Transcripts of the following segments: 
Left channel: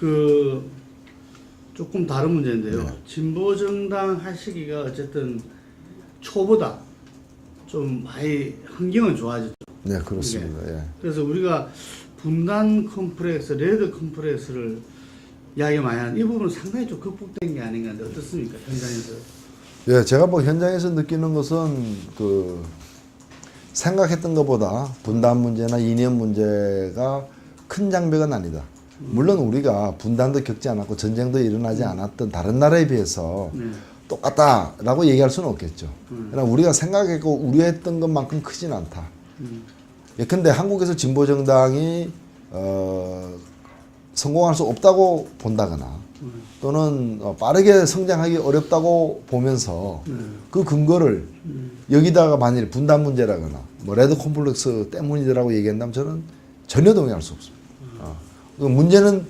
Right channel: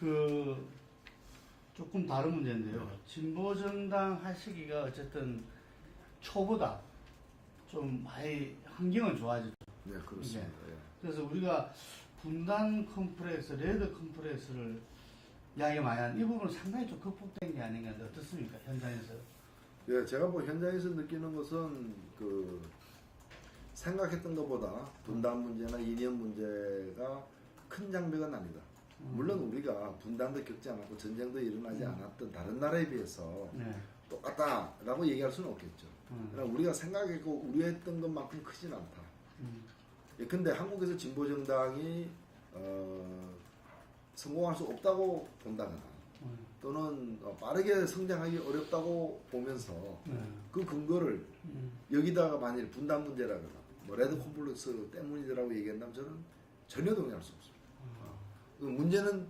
그 조금 다른 문제인데요. 네. 진보 정당 하시기가 어쨌든 초보다 좀 많이 환경은 좋아졌죠. 네, 그렇습니다. 예. 그래서 우리가 분단 컴플렉스, 레드 컴플렉스를 이야기 많이 하는 이 부분은 상당히 좀 극복된 게 아닌가 하는데 어떻습니까? 현장에서. 예, 제가 뭐 현장에서 느끼는 것은 그 생각했던 것보다 분단 문제나 이념 문제가 큰 장벽은 아니다. 물론 우리가 분단도 겪지 않았고 전쟁도 일어나지 않았던 다른 나라에 비해서 네. 똑같다라고 얘기할 수는 없겠죠. 그러나 우리가 생각했고 우려했던 것만큼 크진 않다. 예컨대 한국에서 진보 정당이 성공할 수 없다고 본다거나 또는 빠르게 성장하기 어렵다고 보면서 그 근거를 여기다가 만일 분단 문제라거나 뭐 레드 콤플렉스 때문이라고 얘기한다면 저는 전혀 동의할 수 없습니다. 그 문제는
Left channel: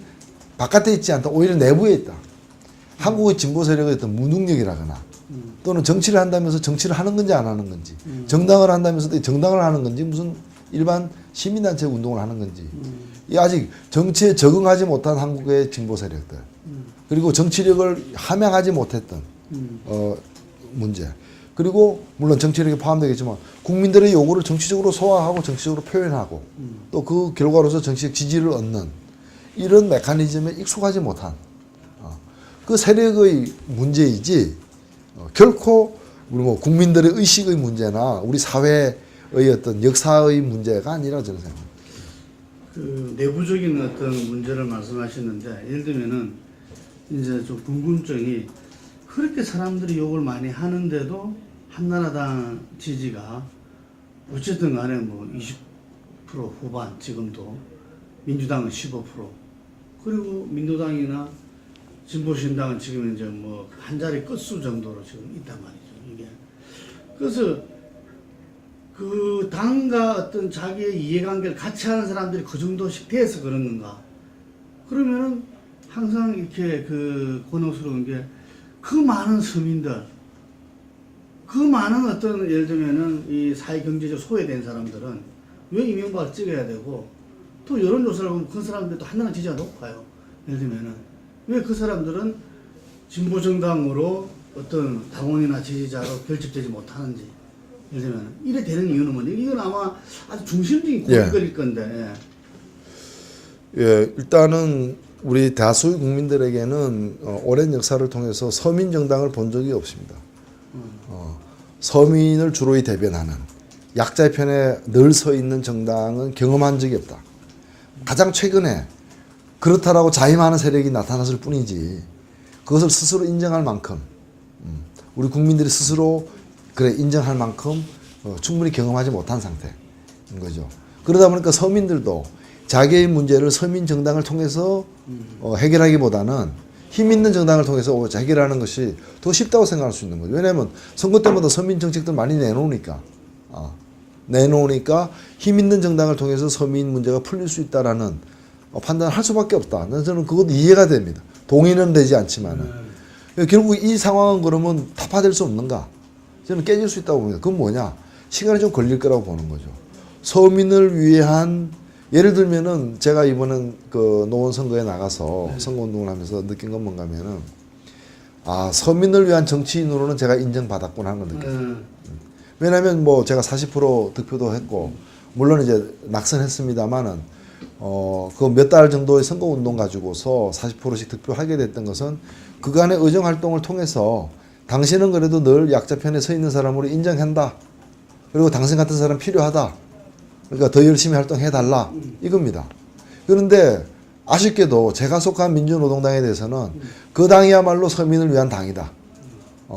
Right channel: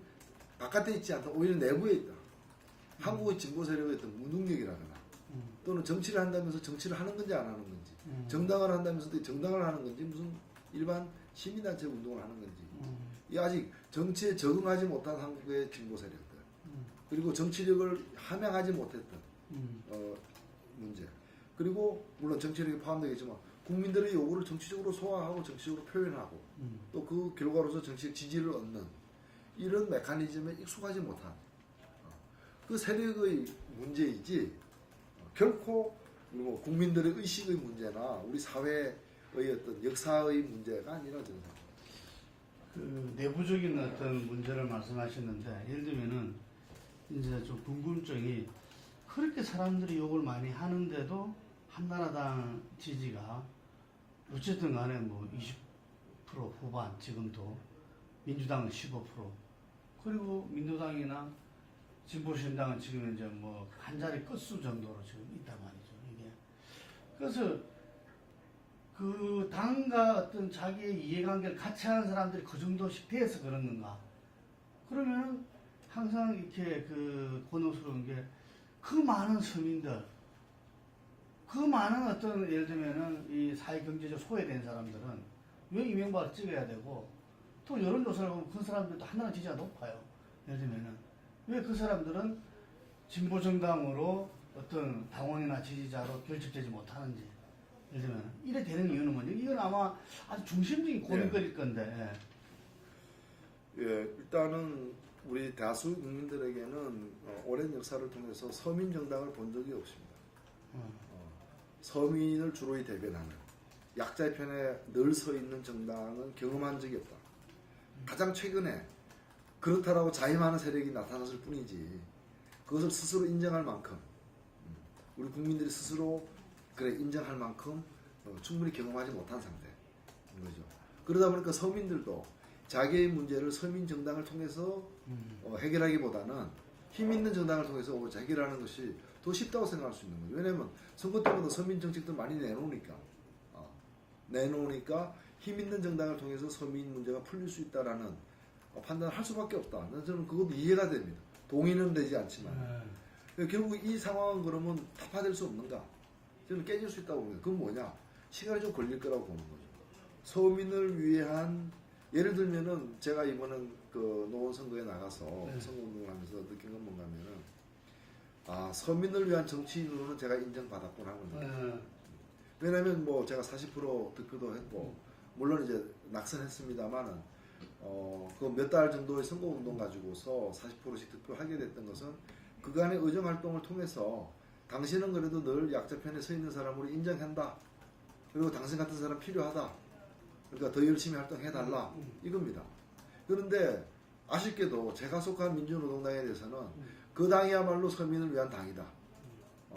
바깥에 있지 않다. 오히려 내부에 있다. 한국의 진보 세력의 어떤 무능력이라거나 또는 정치를 한다면서 정치를 하는 건지 안 하는 건지 정당을 한다면서도 정당을 하는 건지 무슨 일반 시민단체 운동을 하는 건지 이 아직 정치에 적응하지 못한 한국의 진보 세력들 그리고 정치력을 함양하지 못했던 문제 그리고 물론 정치력이 포함되겠지만 국민들의 요구를 정치적으로 소화하고 정치적으로 표현하고 또 그 결과로서 정치적 지지를 얻는 이런 메커니즘에 익숙하지 못한 그 세력의 문제이지 결코 우리 뭐 국민들의 의식의 문제나 우리 사회의 어떤 역사의 문제가 아니라 저는 생각합니다. 그 내부적인 어떤 문제를 말씀하셨는데 예를 들면은 이제 좀 궁금증이 그렇게 사람들이 욕을 많이 하는데도 한나라당 지지가 어쨌든 간에 뭐 20% 후반 지금도 민주당은 15% 그리고 민주당이나 진보신당은 지금 이제 뭐 한 자리 끝수 정도로 지금 있단 말이죠. 이게 그래서 그 당과 어떤 자기의 이해관계를 같이 하는 사람들이 그 정도씩 돼서 그런 건가? 그러면은 항상 이렇게 그 곤혹스러운 게 그 많은 서민들, 그 많은 어떤 예를 들면은 이 사회 경제적 소외된 사람들은 왜 이명박을 찍어야 되고 또 여론조사를 보면 그 사람들도 한나라 지지가 높아요. 예를 들면은 왜 그 사람들은 진보 정당으로 어떤 당원이나 지지자로 결집되지 못하는지 예를 들면 이래 되는 이유는 뭐냐? 이건 아마 아주 중심적인 고민거리일 건데. 예, 일단은 우리 다수의 국민들에게는 오랜 역사를 통해서 서민 정당을 본 적이 없습니다. 서민을 주로 대변하는 약자의 편에 늘 서 있는 정당은 경험한 적이 없다. 가장 최근에 그렇다라고 자임하는 세력이 나타났을 뿐이지 그것을 스스로 인정할 만큼 우리 국민들이 스스로 그래 인정할 만큼 충분히 경험하지 못한 상태인 거죠. 그러다 보니까 서민들도 자기의 문제를 서민 정당을 통해서 해결하기보다는 힘 있는 정당을 통해서 해결하는 것이 더 쉽다고 생각할 수 있는 거죠. 왜냐하면 선거 때마다 서민 정책들 많이 내놓으니까 힘 있는 정당을 통해서 서민 문제가 풀릴 수 있다라는 판단을 할 수밖에 없다. 저는 그것도 이해가 됩니다. 동의는 되지 않지만은 결국 이 상황은 그러면 타파될 수 없는가? 저는 깨질 수 있다고 봅니다. 그건 뭐냐? 시간이 좀 걸릴 거라고 보는 거죠. 서민을 위한 예를 들면은 제가 이번엔 그 노원 선거에 나가서 선거운동을 하면서 느낀 건 뭔가 하면은 서민을 위한 정치인으로는 제가 인정받았구나 하는 걸 느꼈어요. 왜냐하면 뭐 제가 40% 득표도 했고 물론 이제 낙선했습니다만은 그 몇 달 정도의 선거운동 가지고서 40%씩 득표하게 됐던 것은 그간의 의정 활동을 통해서 당신은 그래도 늘 약자 편에 서 있는 사람으로 인정한다. 그리고 당신 같은 사람 필요하다. 그러니까 더 열심히 활동해달라. 이겁니다. 그런데 아쉽게도 제가 속한 민주노동당에 대해서는 그 당이야말로 서민을 위한 당이다.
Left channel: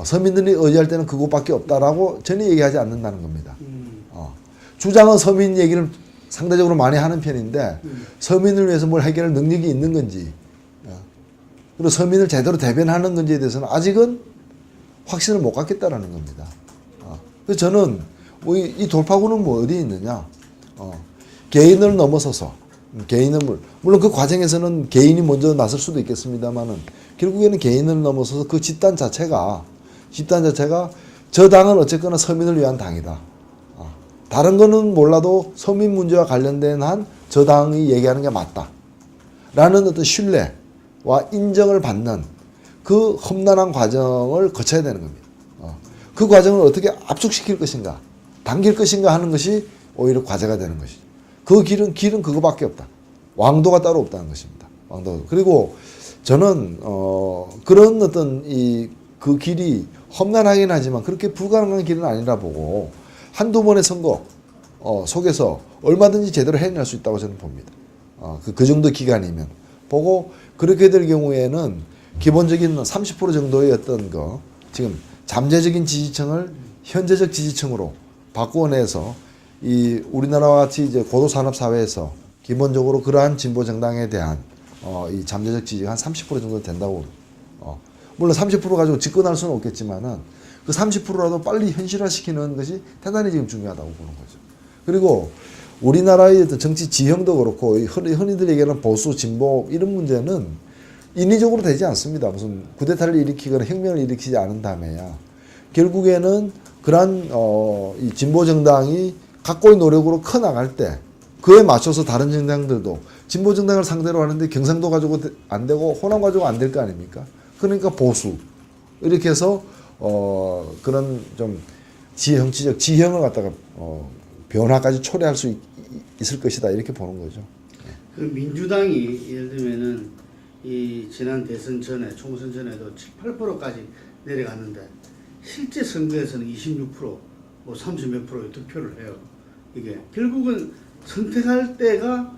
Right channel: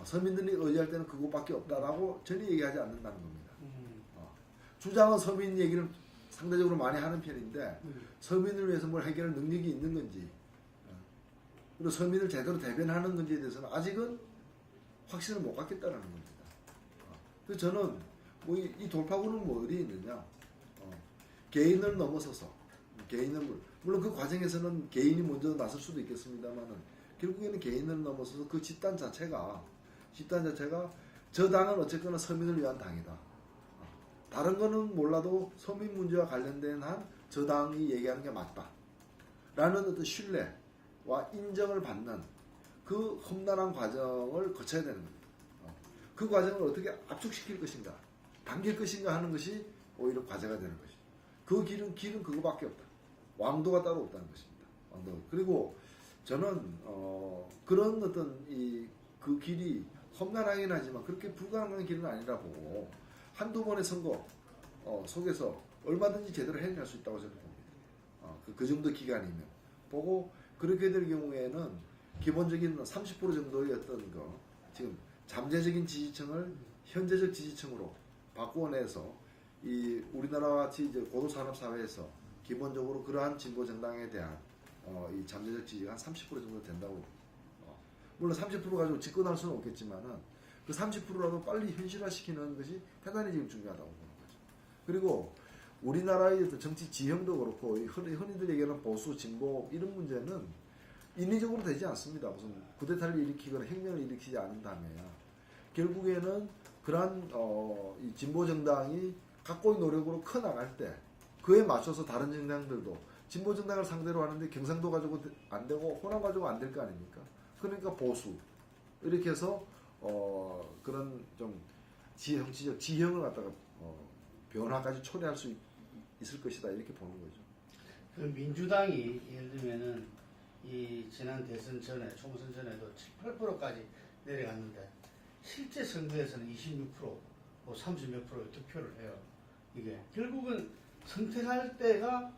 서민들이 의지할 때는 그것밖에 없다라고 전혀 얘기하지 않는다는 겁니다. 주장은 서민 얘기를 상대적으로 많이 하는 편인데 서민을 위해서 뭘 해결할 능력이 있는 건지 그리고 서민을 제대로 대변하는 건지에 대해서는 아직은 확신을 못 갖겠다라는 겁니다. 그래서 저는 이 돌파구는 뭐 어디에 있느냐? 개인을 넘어서서 개인을 물론 그 과정에서는 개인이 먼저 나설 수도 있겠습니다만은 결국에는 개인을 넘어서서 그 집단 자체가 저 당은 어쨌거나 서민을 위한 당이다. 다른 거는 몰라도 서민 문제와 관련된 한 저 당이 얘기하는 게 맞다. 라는 어떤 신뢰 인정을 받는 그 험난한 과정을 거쳐야 되는 겁니다. 그 과정을 어떻게 압축시킬 것인가, 당길 것인가 하는 것이 오히려 과제가 되는 것이죠. 그 길은 그거밖에 없다. 왕도가 따로 없다는 것입니다. 왕도. 그리고 저는 그런 어떤 그 길이 험난하긴 하지만 그렇게 불가능한 길은 아니라 보고 한두 번의 선거 속에서 얼마든지 제대로 해낼 수 있다고 저는 봅니다. 그 정도 기간이면 보고 그렇게 될 경우에는 기본적인 30% 정도의 어떤 지금 잠재적인 지지층을 현재적 지지층으로 바꾸어내서 이 우리나라와 같이 이제 고도 산업 사회에서 기본적으로 그러한 진보 정당에 대한 이 잠재적 지지가 한 30% 정도 된다고. 물론 30% 가지고 집권할 수는 없겠지만은 그 30%라도 빨리 현실화시키는 것이 대단히 지금 중요하다고 보는 거죠. 그리고 우리나라의 어떤 정치 지형도 그렇고 흔히들 얘기하는 보수 진보 이런 문제는 인위적으로 되지 않습니다. 무슨 쿠데타를 일으키거나 혁명을 일으키지 않은 다음에야 결국에는 그러한 이 진보 정당이 각고의 노력으로 커 나갈 때 그에 맞춰서 다른 정당들도 진보 정당을 상대로 하는데 경상도 가지고 안 되고 호남 가지고 안 될 거 아닙니까? 그러니까 보수 이렇게 해서 그런 좀 정치적 지형을 갖다가 변화까지 초래할 수 있을 것이다 이렇게 보는 거죠. 그 민주당이 예를 들면은 이 지난 대선 전에 총선 전에도 7, 8%까지 내려갔는데 실제 선거에서는 26%, 뭐 30 몇 프로의 득표를 해요. 이게 결국은 선택할 때가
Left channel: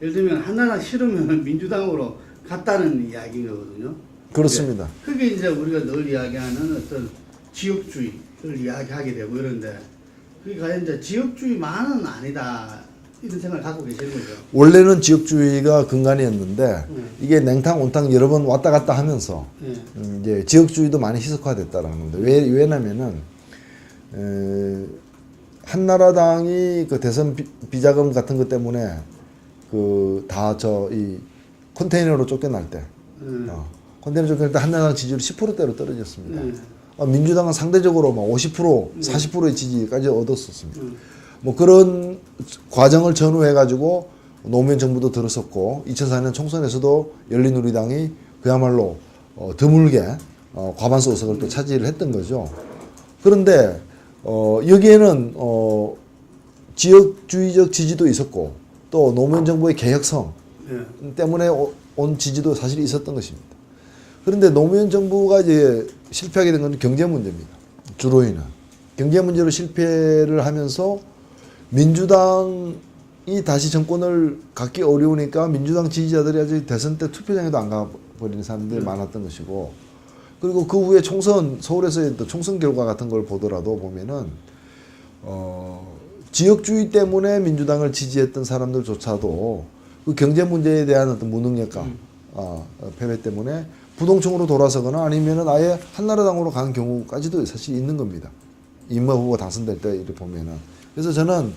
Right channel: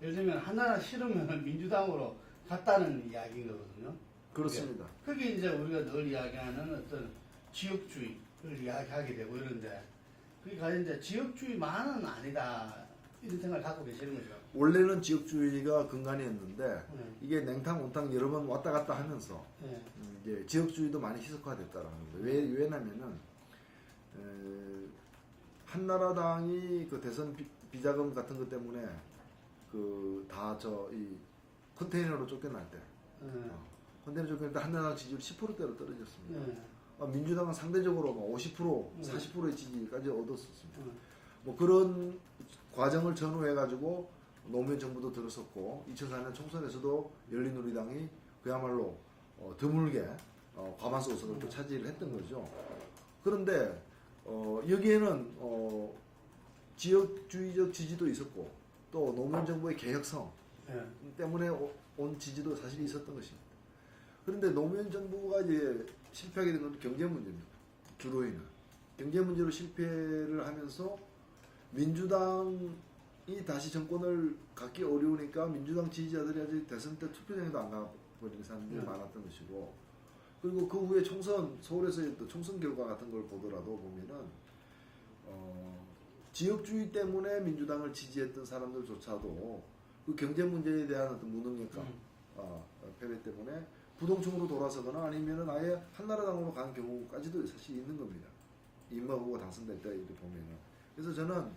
예를 들면 하나가 싫으면 민주당으로 갔다는 이야기인 거거든요. 그렇습니다. 그게 이제 우리가 늘 이야기하는 어떤 지역주의를 이야기하게 되고 이런데 그게 과연 이제 지역주의만은 아니다 이런 생각을 갖고 계시는 거죠. 원래는 지역주의가 근간이었는데 이게 냉탕 온탕 여러 번 왔다 갔다 하면서 이제 지역주의도 많이 희석화됐다라는 겁니다. 왜냐면은 한나라당이 그 대선 비자금 같은 것 때문에 그 다 이 컨테이너로 쫓겨날 때 컨테이너 쫓겨날 때 한나라당 지지율이 10%대로 떨어졌습니다. 민주당은 상대적으로 막 50%, 40%의 지지까지 얻었었습니다. 뭐 그런 과정을 전후해 가지고 노무현 정부도 들었었고 2004년 총선에서도 열린우리당이 그야말로 드물게 과반수 의석을 또 차지를 했던 거죠. 그런데 여기에는 지역주의적 지지도 있었고 또 노무현 정부의 개혁성 때문에 온 지지도 사실 있었던 것입니다. 그런데 노무현 정부가 이제 실패하게 된 건 경제 문제입니다. 주로인은 경제 문제로 실패를 하면서 민주당이 다시 정권을 갖기 어려우니까 민주당 지지자들이 아직 대선 때 투표장에도 안 가버리는 사람들이 많았던 것이고 그리고 그 후에 총선 서울에서의 또 총선 결과 같은 걸 보더라도 보면은 지역주의 때문에 민주당을 지지했던 사람들조차도 그 경제 문제에 대한 어떤 무능력과 패배 때문에 부동층으로 돌아서거나 아니면은 아예 한나라당으로 간 경우까지도 사실 있는 겁니다. 이인만 후보가 당선될 때 이렇게 보면은. 그래서 저는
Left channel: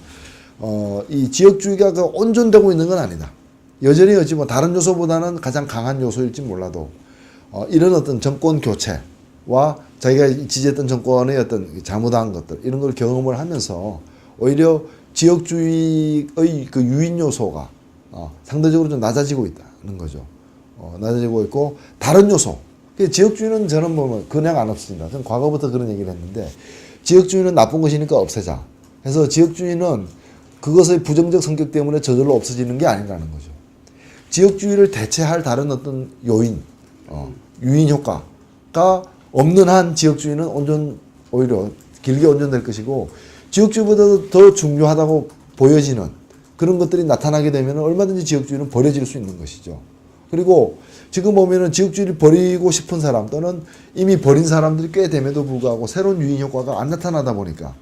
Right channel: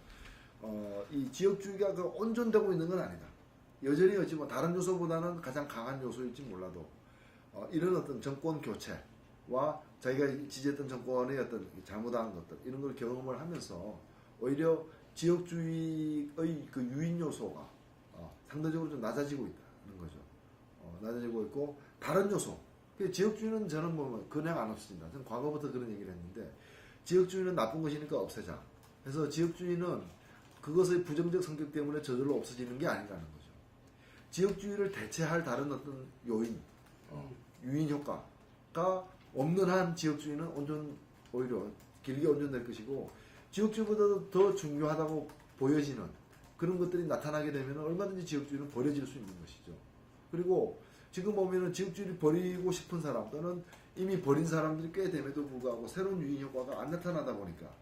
이 지역주의가 그 온전되고 있는 건 아니다. 여전히 어찌 뭐 다른 요소보다는 가장 강한 요소일지 몰라도 이런 어떤 정권 교체와 자기가 지지했던 정권의 어떤 잘못한 것들 이런 걸 경험을 하면서 오히려 지역주의의 그 유인 요소가 상대적으로 좀 낮아지고 있다는 거죠. 낮아지고 있고 다른 요소. 지역주의는 저는 뭐 그냥 안 없어진다. 저는 과거부터 그런 얘기를 했는데 지역주의는 나쁜 것이니까 없애자. 그래서 지역주의는 그것의 부정적 성격 때문에 저절로 없어지는 게 아니라는 거죠. 지역주의를 대체할 다른 어떤 요인, 유인 효과가 없는 한 지역주의는 오히려 길게 온전될 것이고 지역주의보다도 더 중요하다고 보여지는 그런 것들이 나타나게 되면 얼마든지 지역주의는 버려질 수 있는 것이죠. 그리고 지금 보면은 지역주의를 버리고 싶은 사람 또는 이미 버린 사람들이 꽤 됨에도 불구하고 새로운 유인 효과가 안 나타나다 보니까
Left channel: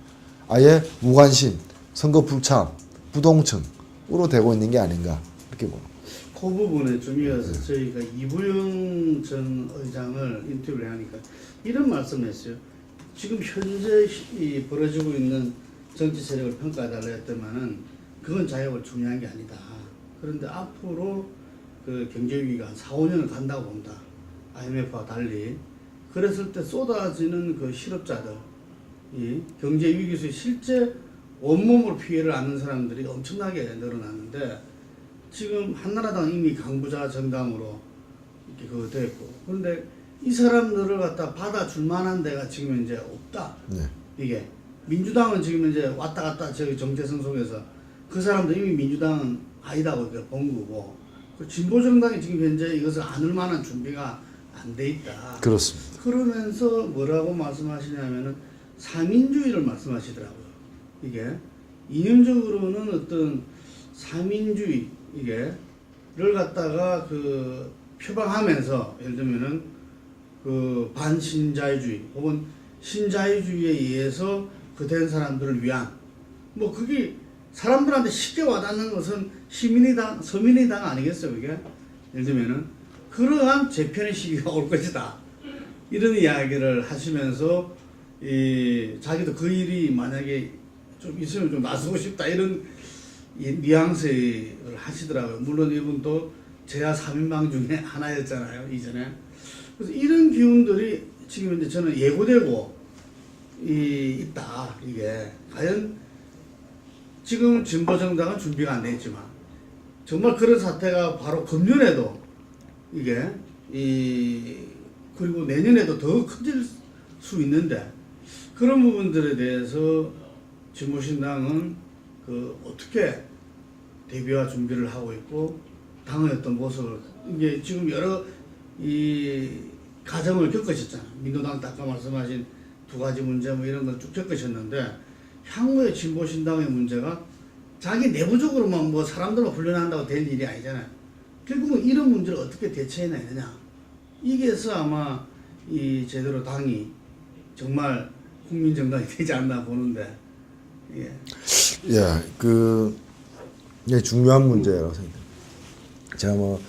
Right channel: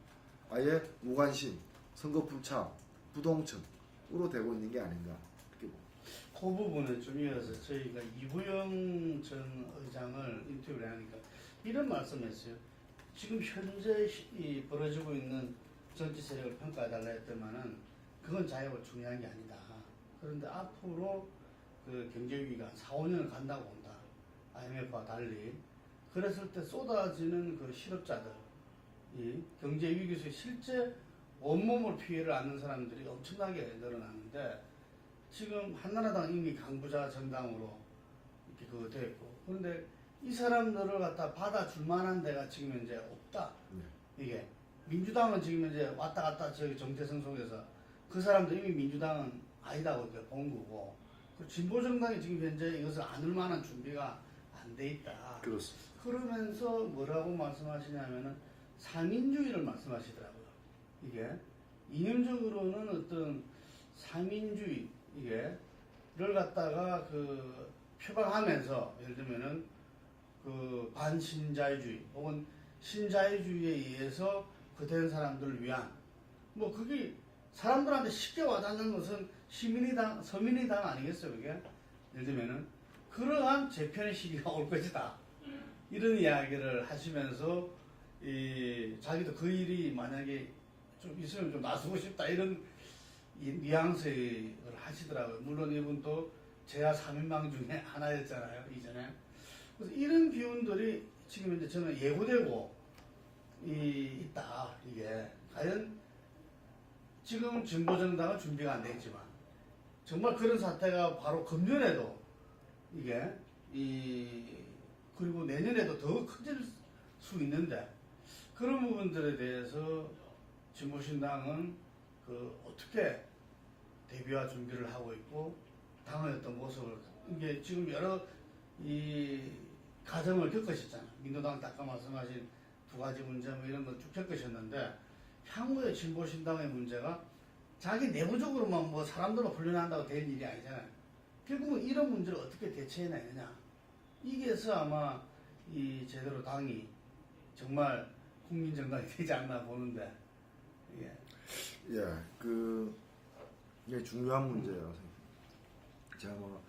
아예 무관심, 선거 불참, 부동층으로 되고 있는 게 아닌가 이렇게 봅니다. 그 부분에 좀 이어서 저희가 이부영 전 의장을 인터뷰를 하니까 이런 말씀을 했어요. 지금 현재 벌어지고 있는 정치 세력을 평가해달라 했더만은 그건 자격을 중요한 게 아니다. 그런데 앞으로 그 경제 위기가 한 4, 5년을 간다고 봅니다. IMF와 달리. 그랬을 때 쏟아지는 그 실업자들, 이 경제 위기에서 실제 온몸으로 피해를 안는 사람들이 엄청나게 늘어났는데 지금 한나라당 이미 강부자 정당으로 그거 됐고. 그런데 이 사람들을 갖다 받아줄 만한 데가 지금 이제 없다. 네. 이게 민주당은 지금 이제 왔다 갔다 저기 정체성 속에서 그 사람도 이미 민주당은 아니다고 본 거고, 그 진보정당이 지금 현재 이것을 안을 만한 준비가 안 돼 있다. 그렇습니다. 그러면서 뭐라고 말씀하시냐면은 사민주의를 말씀하시더라고요. 이게 이념적으로는 어떤 사민주의 이게를 갖다가 그 표방하면서, 예를 들면은 그 반신자유주의 혹은 신자유주의에 의해서 그된 사람들을 위한, 뭐 그게 사람들한테 쉽게 와닿는 것은 시민의당, 서민의당 아니겠어요, 그게? 예를 들면은 그러한 재편의 시기가 올 것이다. 이런 이야기를 하시면서 이 자기도 그 일이 만약에 좀 있으면 좀 나서고 싶다, 이런 뉘앙스를 하시더라고요. 물론 이분도 제야 3인방 중에 하나였잖아요, 이전에. 그래서 이런 기운들이 지금 이제 저는 예고되고 있다. 이게 과연 지금 진보정당은 준비가 안 돼 있지만 정말 그런 사태가 바로 금년에도 이게 그리고 내년에도 더 커질 수 있는데, 그런 부분들에 대해서 진보신당은 그 어떻게 대비와 준비를 하고 있고 당의 어떤 모습을, 이게 지금 여러 이 과정을 겪으셨잖아요. 민주당 아까 말씀하신 두 가지 문제 뭐 이런 걸 쭉 겪으셨는데, 향후의 진보신당의 문제가 자기 내부적으로만 뭐 사람들만 훈련한다고 될 일이 아니잖아요. 결국은 이런 문제를 어떻게 대처해내야 되냐. 이게서 아마 이 제대로 당이 정말 국민정당이 되지 않나 보는데, 예. 예, 이게 중요한 문제라고 생각합니다. 제가 뭐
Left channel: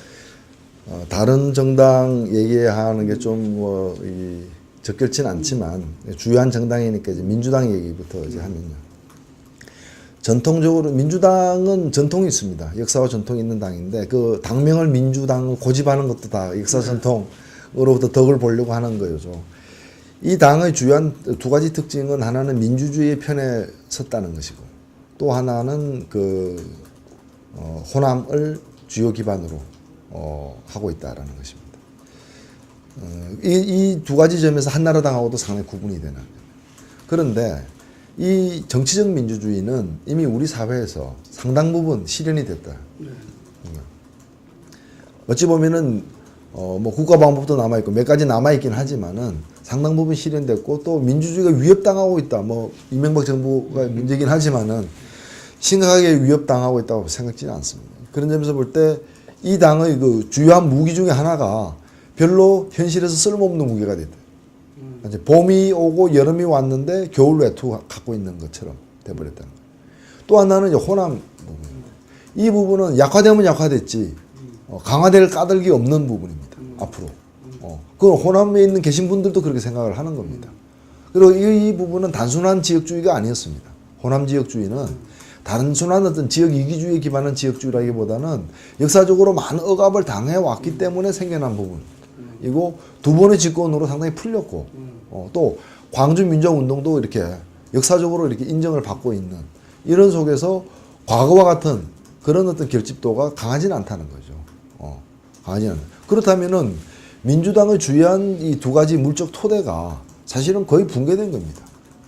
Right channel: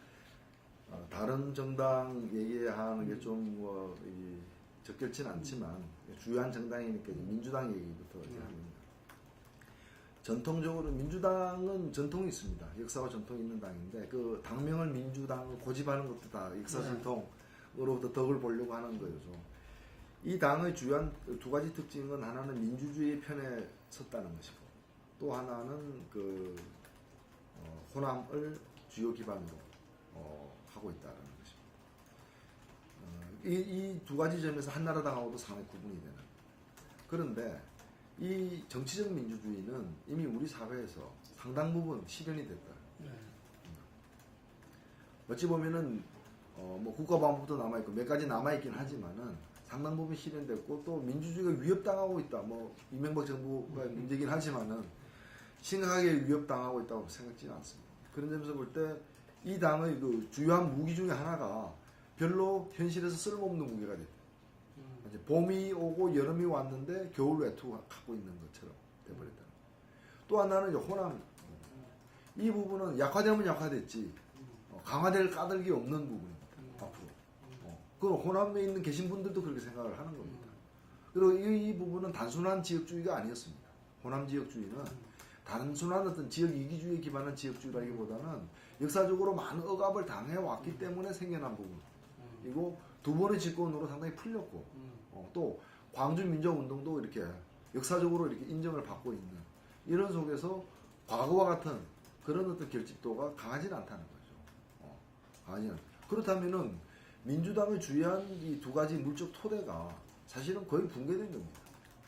다른 정당 얘기하는 게 좀 적절치는 않지만 주요한 정당이니까 이제 민주당 얘기부터 이제 하면요. 전통적으로 민주당은 전통이 있습니다. 역사와 전통이 있는 당인데 그 당명을 민주당 고집하는 것도 다 역사 전통으로부터 덕을 보려고 하는 거죠. 이 당의 주요한 두 가지 특징은, 하나는 민주주의의 편에 섰다는 것이고, 또 하나는 호남을 주요 기반으로 하고 있다라는 것입니다. 이 두 가지 점에서 한나라당하고도 상당히 구분이 되는. 그런데 이 정치적 민주주의는 이미 우리 사회에서 상당 부분 실현이 됐다. 어찌 보면은 뭐 국가방법도 남아 있고 몇 가지 남아 있긴 하지만은 상당 부분 실현됐고, 또 민주주의가 위협당하고 있다. 뭐 이명박 정부가 문제긴 하지만은 심각하게 위협당하고 있다고 생각지는 않습니다. 그런 점에서 볼 때 이 당의 그 주요한 무기 중에 하나가 별로 현실에서 쓸모없는 무기가 됐다. 이제 봄이 오고 여름이 왔는데 겨울 외투 갖고 있는 것처럼 돼버렸다는 거예요. 또 하나는 이제 호남 부분입니다. 이 부분은 약화되면 약화됐지 강화될 까닭이 없는 부분입니다. 앞으로. 그 호남에 있는 계신 분들도 그렇게 생각을 하는 겁니다. 그리고 이 부분은 단순한 지역주의가 아니었습니다. 호남 지역주의는 단순한 어떤 지역 이기주의에 기반한 지역주의라기보다는 역사적으로 많은 억압을 당해왔기 때문에 생겨난 부분이고, 두 번의 집권으로 상당히 풀렸고, 또 광주 민주화운동도 이렇게 역사적으로 이렇게 인정을 받고 있는 이런 속에서 과거와 같은 그런 어떤 결집도가 강하지는 않다는 거죠. 강하지 않아요. 그렇다면은 민주당의 주요한 이 두 가지 물적 토대가 사실은 거의 붕괴된 겁니다.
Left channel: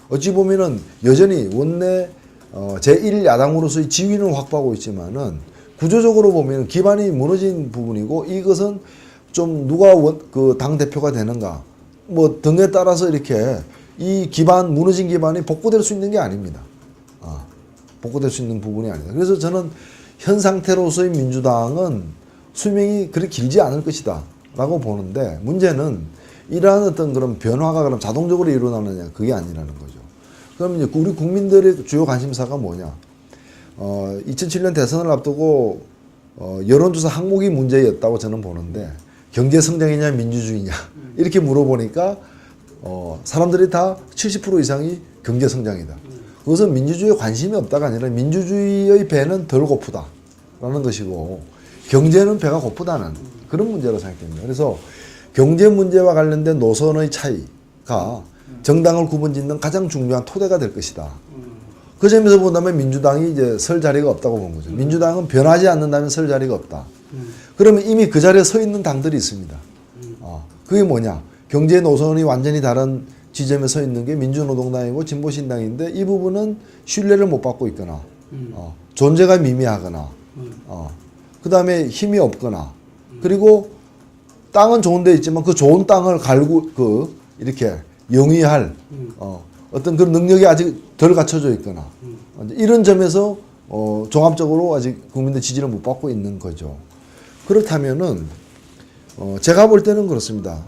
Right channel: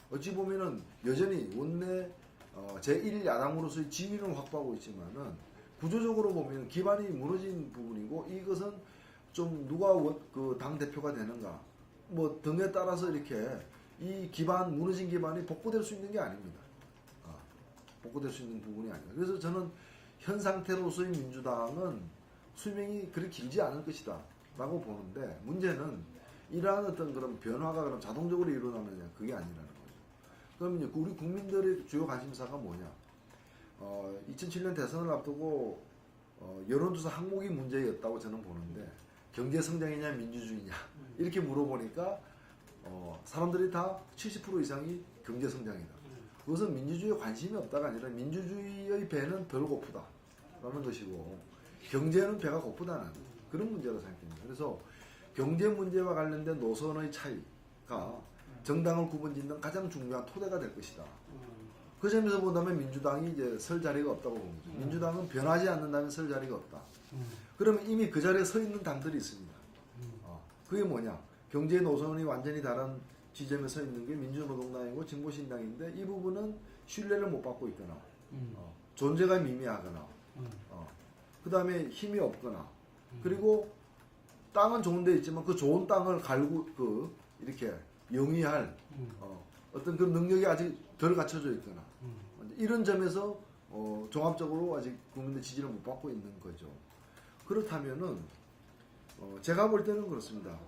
어찌 보면은 여전히 원내 제1야당으로서의 지위는 확보하고 있지만은 구조적으로 보면 기반이 무너진 부분이고, 이것은 좀 누가 그 당 대표가 되는가 뭐 등에 따라서 이렇게 이 기반, 무너진 기반이 복구될 수 있는 게 아닙니다. 복구될 수 있는 부분이 아니다. 그래서 저는 현 상태로서의 민주당은 수명이 그렇게 길지 않을 것이다 라고 보는데, 문제는 이러한 어떤 그런 변화가 그럼 자동적으로 일어나느냐, 그게 아니라는 거죠. 그럼 이제 우리 국민들의 주요 관심사가 뭐냐? 2007년 대선을 앞두고 여론조사 항목이 문제였다고 저는 보는데, 경제 성장이냐 민주주의냐 이렇게 물어보니까 사람들이 다 70% 이상이 경제 성장이다. 그것은 민주주의에 관심이 없다가 아니라 민주주의의 배는 덜 고프다라는 것이고, 경제는 배가 고프다는 그런 문제로 생각됩니다. 그래서 경제 문제와 관련된 노선의 차이가 정당을 구분짓는 가장 중요한 토대가 될 것이다. 그 점에서 본다면 민주당이 이제 설 자리가 없다고 본 거죠. 민주당은 변하지 않는다면 설 자리가 없다. 그러면 이미 그 자리에 서 있는 당들이 있습니다. 그게 뭐냐? 경제 노선이 완전히 다른 지점에 서 있는 게 민주노동당이고 진보신당인데 이 부분은 신뢰를 못 받고 있거나 존재가 미미하거나 그 다음에 힘이 없거나 그리고 땅은 좋은 데 있지만 그 좋은 땅을 이렇게 영위할 어떤 그런 능력이 아직 덜 갖춰져 있거나 이런 점에서 종합적으로 아직 국민들 지지를 못 받고 있는 거죠. 그렇다면은 제가 볼 때는 그렇습니다.